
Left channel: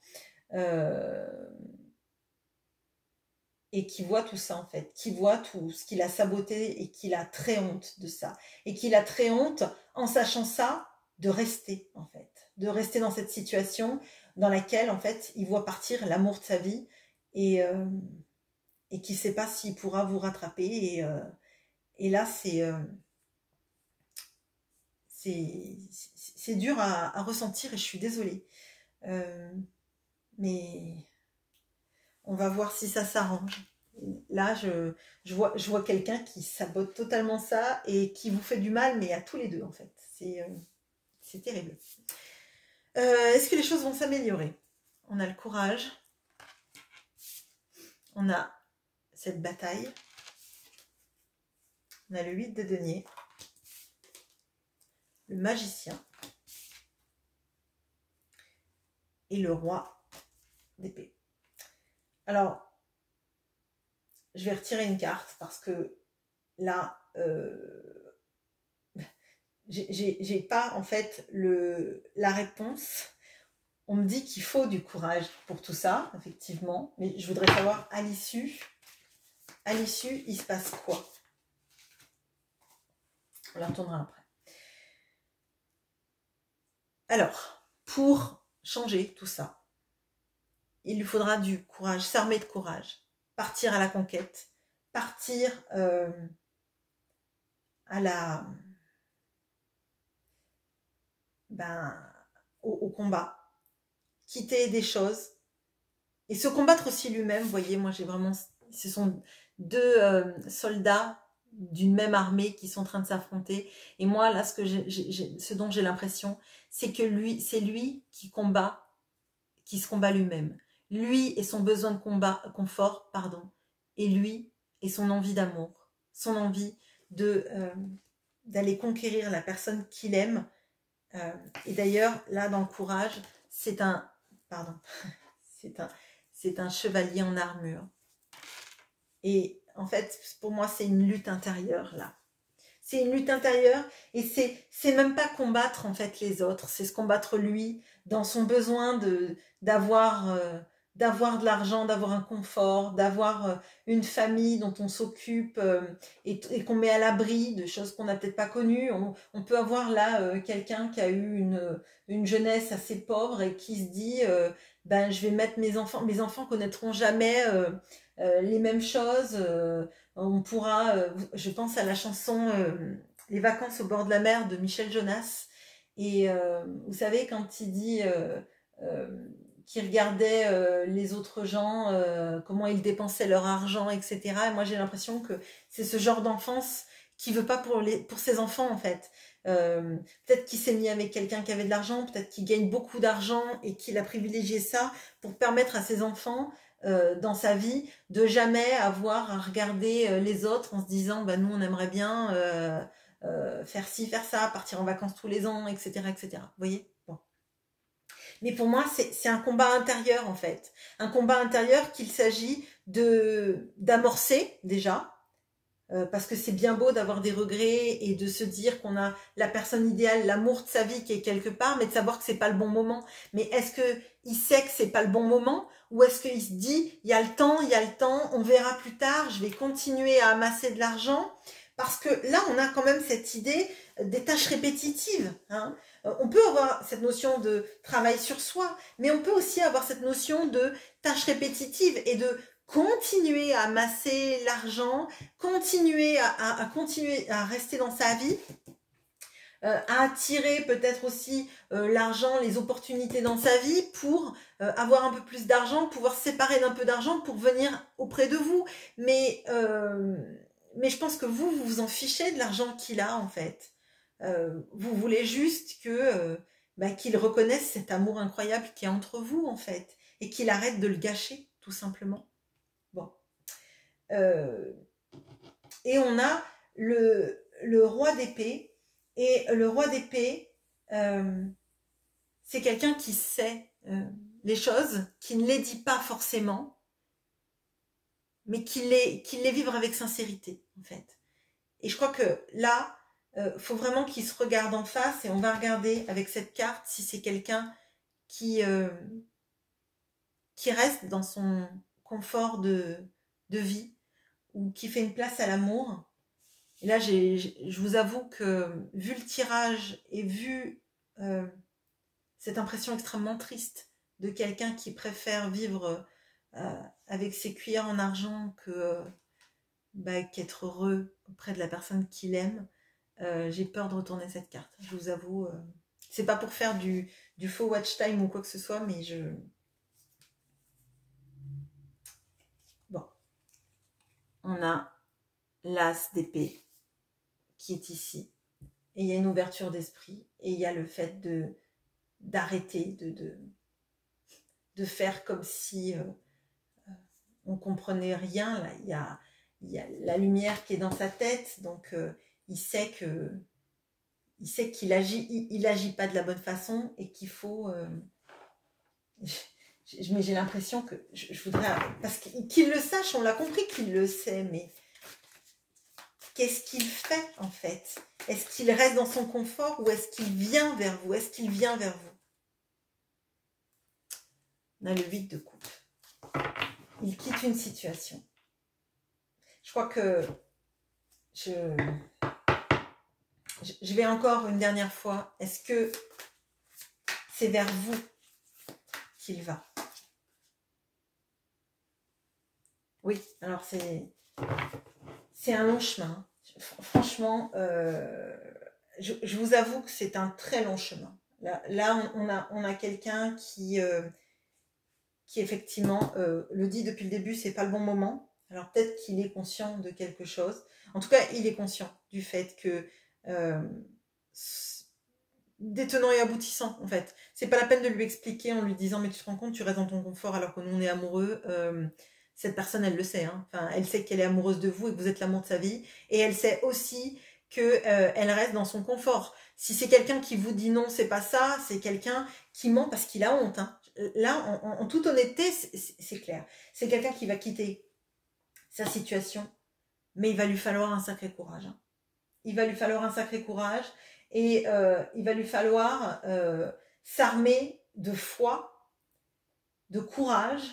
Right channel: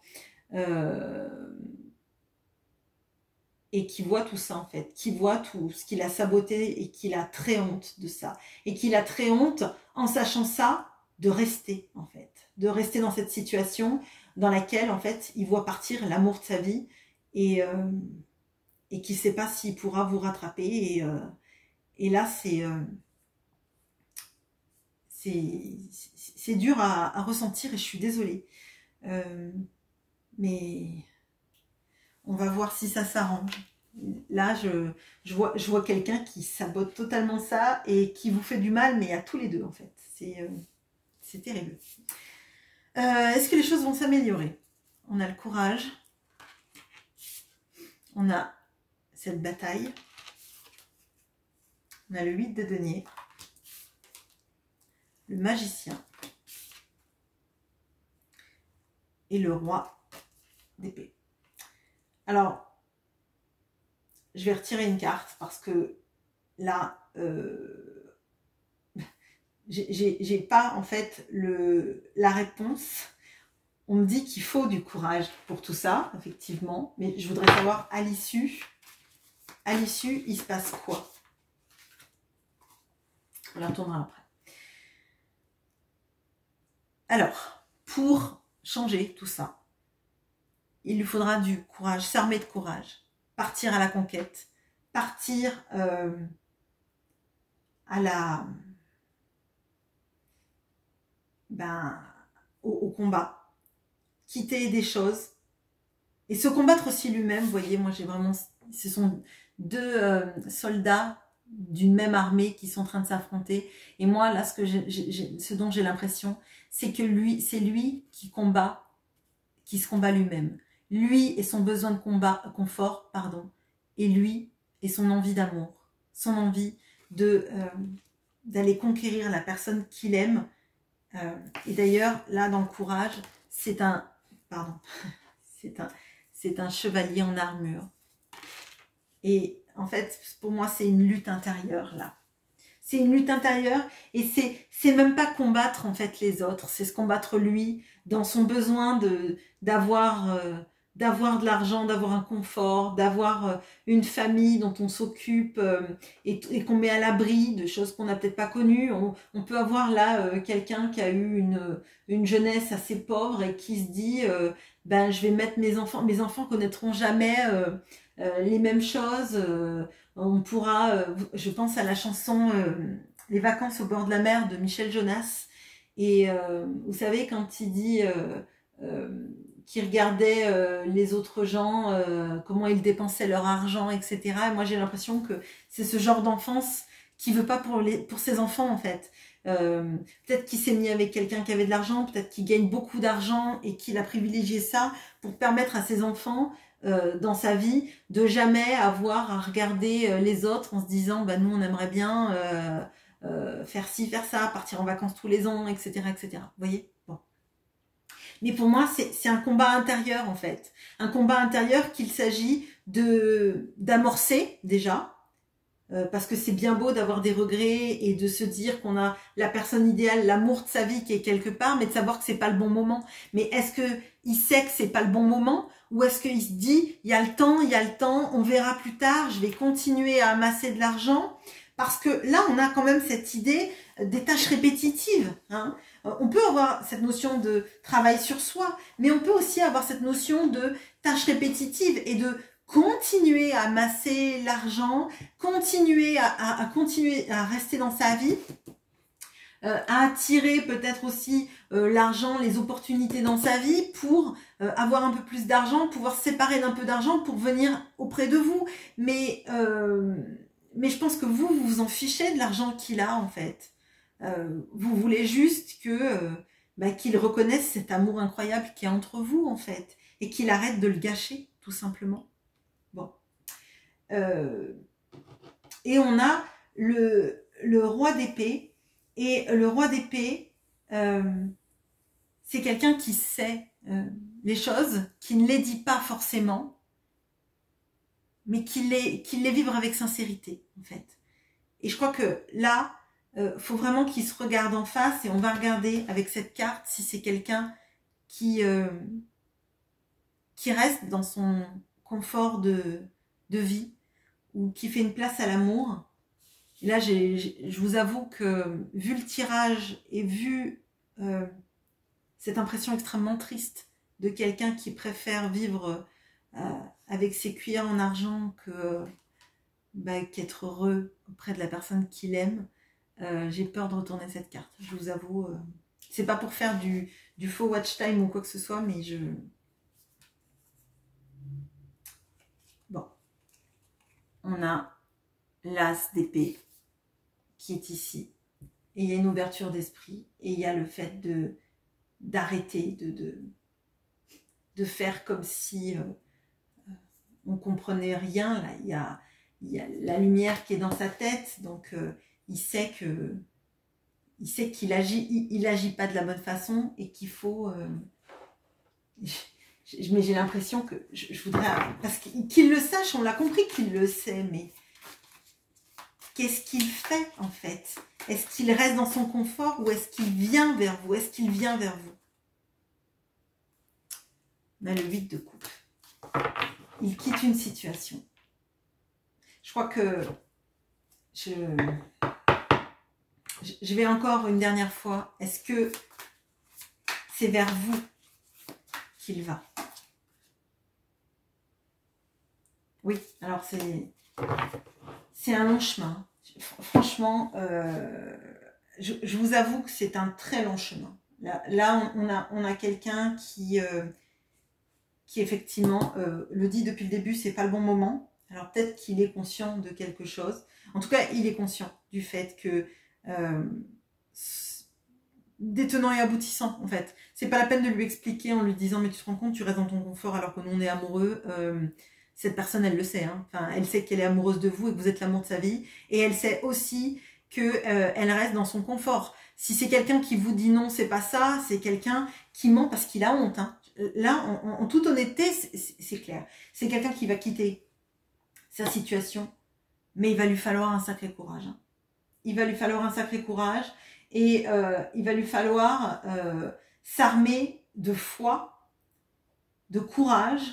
et qui voit tout ça en fait, qui voit tout ce qu'il a saboté et qu'il a très honte de ça, et qu'il a très honte en sachant ça de rester en fait, de rester dans cette situation dans laquelle en fait il voit partir l'amour de sa vie et qui ne sait pas s'il pourra vous rattraper, et là c'est dur à ressentir et je suis désolée, mais on va voir si ça s'arrange. Là je vois quelqu'un qui sabote totalement ça et qui vous fait du mal, mais à tous les deux en fait, c'est terrible. Est-ce que les choses vont s'améliorer? On a le courage, on a cette bataille, on a le 8 de denier, le magicien et le roi d'épée. Alors, je vais retirer une carte parce que là, j'ai pas en fait la réponse. On me dit qu'il faut du courage pour tout ça, effectivement, mais je voudrais savoir à l'issue, il se passe quoi? On la retournera après. Alors, pour changer tout ça, il lui faudra du courage, s'armer de courage, partir à la conquête, partir au combat, quitter des choses et se combattre aussi lui-même. Vous voyez, moi j'ai vraiment, ce sont deux soldats d'une même armée qui sont en train de s'affronter, et moi là ce dont j'ai l'impression, c'est que c'est lui qui se combat lui-même, lui et son besoin de confort, et lui et son envie d'amour, son envie d'aller conquérir la personne qu'il aime. Et d'ailleurs là dans le courage, c'est un chevalier en armure, et en fait pour moi c'est une lutte intérieure là. C'est une lutte intérieure, et c'est même pas combattre en fait les autres, c'est se combattre lui dans son besoin d'avoir de l'argent, d'avoir un confort, d'avoir une famille dont on s'occupe et qu'on met à l'abri de choses qu'on n'a peut-être pas connues. On peut avoir là quelqu'un qui a eu une jeunesse assez pauvre et qui se dit je vais mettre mes enfants connaîtront jamais les mêmes choses. On pourra, je pense à la chanson Les vacances au bord de la mer de Michel Jonas, et vous savez quand il dit qu'il regardait les autres gens, comment ils dépensaient leur argent, etc. Et moi j'ai l'impression que c'est ce genre d'enfance qu'il veut pas pour ses enfants en fait. Peut-être qu'il s'est mis avec quelqu'un qui avait de l'argent, peut-être qu'il gagne beaucoup d'argent et qu'il a privilégié ça pour permettre à ses enfants dans sa vie de jamais avoir à regarder les autres en se disant bah, nous on aimerait bien faire ci, faire ça, partir en vacances tous les ans, etc. etc. Vous voyez, bon. Mais pour moi, c'est un combat intérieur, en fait. Un combat intérieur qu'il s'agit d'amorcer, déjà, parce que c'est bien beau d'avoir des regrets et de se dire qu'on a la personne idéale, l'amour de sa vie qui est quelque part, mais de savoir que c'est pas le bon moment. Mais est-ce qu'il sait que c'est pas le bon moment, ou est-ce qu'il se dit, il y a le temps, on verra plus tard, je vais continuer à amasser de l'argent, parce que là, on a quand même cette idée des tâches répétitives, hein. On peut avoir cette notion de travail sur soi, mais on peut aussi avoir cette notion de tâches répétitives et de continuer à amasser l'argent, continuer à rester dans sa vie, à attirer peut-être aussi l'argent, les opportunités dans sa vie pour avoir un peu plus d'argent, pouvoir se séparer d'un peu d'argent pour venir auprès de vous. Mais je pense que vous vous en fichez de l'argent qu'il a en fait. Vous voulez juste qu'il reconnaisse cet amour incroyable qui est entre vous en fait et qu'il arrête de le gâcher tout simplement. Bon. Et on a le roi d'épée, et le roi d'épée c'est quelqu'un qui sait les choses, qui ne les dit pas forcément, mais qui les vivre avec sincérité en fait. Et je crois que là faut vraiment qu'il se regarde en face, et on va regarder avec cette carte si c'est quelqu'un qui reste dans son confort de vie, ou qui fait une place à l'amour. Et là, je vous avoue que vu le tirage et vu cette impression extrêmement triste de quelqu'un qui préfère vivre avec ses cuillères en argent qu'être heureux auprès de la personne qu'il aime, j'ai peur de retourner cette carte. Je vous avoue, c'est pas pour faire du faux watch time ou quoi que ce soit, mais bon, on a l'as d'épée qui est ici, et il y a une ouverture d'esprit, et il y a le fait d'arrêter de faire comme si on comprenait rien. Là, il y a la lumière qui est dans sa tête, donc il sait qu'il agit pas de la bonne façon, et qu'il faut mais j'ai l'impression que je voudrais, parce qu'il le sache, on l'a compris qu'il le sait, mais qu'est-ce qu'il fait en fait? Est-ce qu'il reste dans son confort, ou est-ce qu'il vient vers vous? Est-ce qu'il vient vers vous? On a le 8 de coupe. Il quitte une situation. Je crois que je vais encore une dernière fois. Est-ce que c'est vers vous qu'il va? Oui, alors c'est un long chemin. Franchement, je vous avoue que c'est un très long chemin. Là on a quelqu'un qui effectivement le dit depuis le début, c'est pas le bon moment. Alors peut-être qu'il est conscient de quelque chose. En tout cas, il est conscient du fait que des tenants et aboutissants, en fait. C'est pas la peine de lui expliquer en lui disant mais tu te rends compte, tu restes dans ton confort alors que nous on est amoureux. Cette personne, elle le sait, hein. Enfin, elle sait qu'elle est amoureuse de vous et que vous êtes l'amour de sa vie, et elle sait aussi que elle reste dans son confort. Si c'est quelqu'un qui vous dit non, c'est pas ça, c'est quelqu'un qui ment parce qu'il a honte, hein. Là, en toute honnêteté, c'est clair. C'est quelqu'un qui va quitter sa situation, mais il va lui falloir un sacré courage, hein. Il va lui falloir un sacré courage, et il va lui falloir s'armer de foi, de courage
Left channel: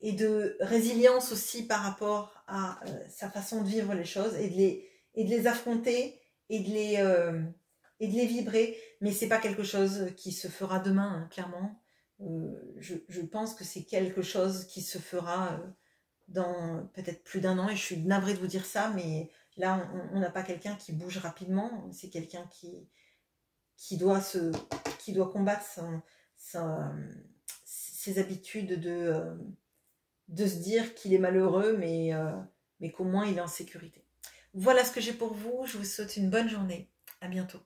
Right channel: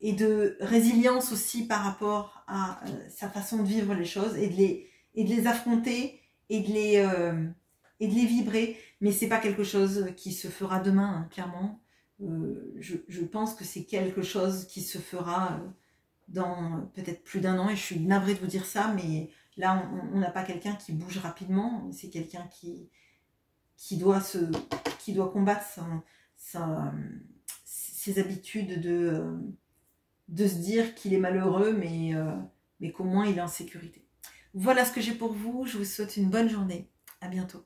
et de résilience aussi par rapport à sa façon de vivre les choses, et de les affronter, et de les vibrer. Mais c'est pas quelque chose qui se fera demain, hein, clairement. Je pense que c'est quelque chose qui se fera dans peut-être plus d'1 an, et je suis navrée de vous dire ça, mais là on n'a pas quelqu'un qui bouge rapidement, c'est quelqu'un qui doit combattre ses habitudes de se dire qu'il est malheureux, mais qu'au moins il est en sécurité. Voilà ce que j'ai pour vous. Je vous souhaite une bonne journée. À bientôt.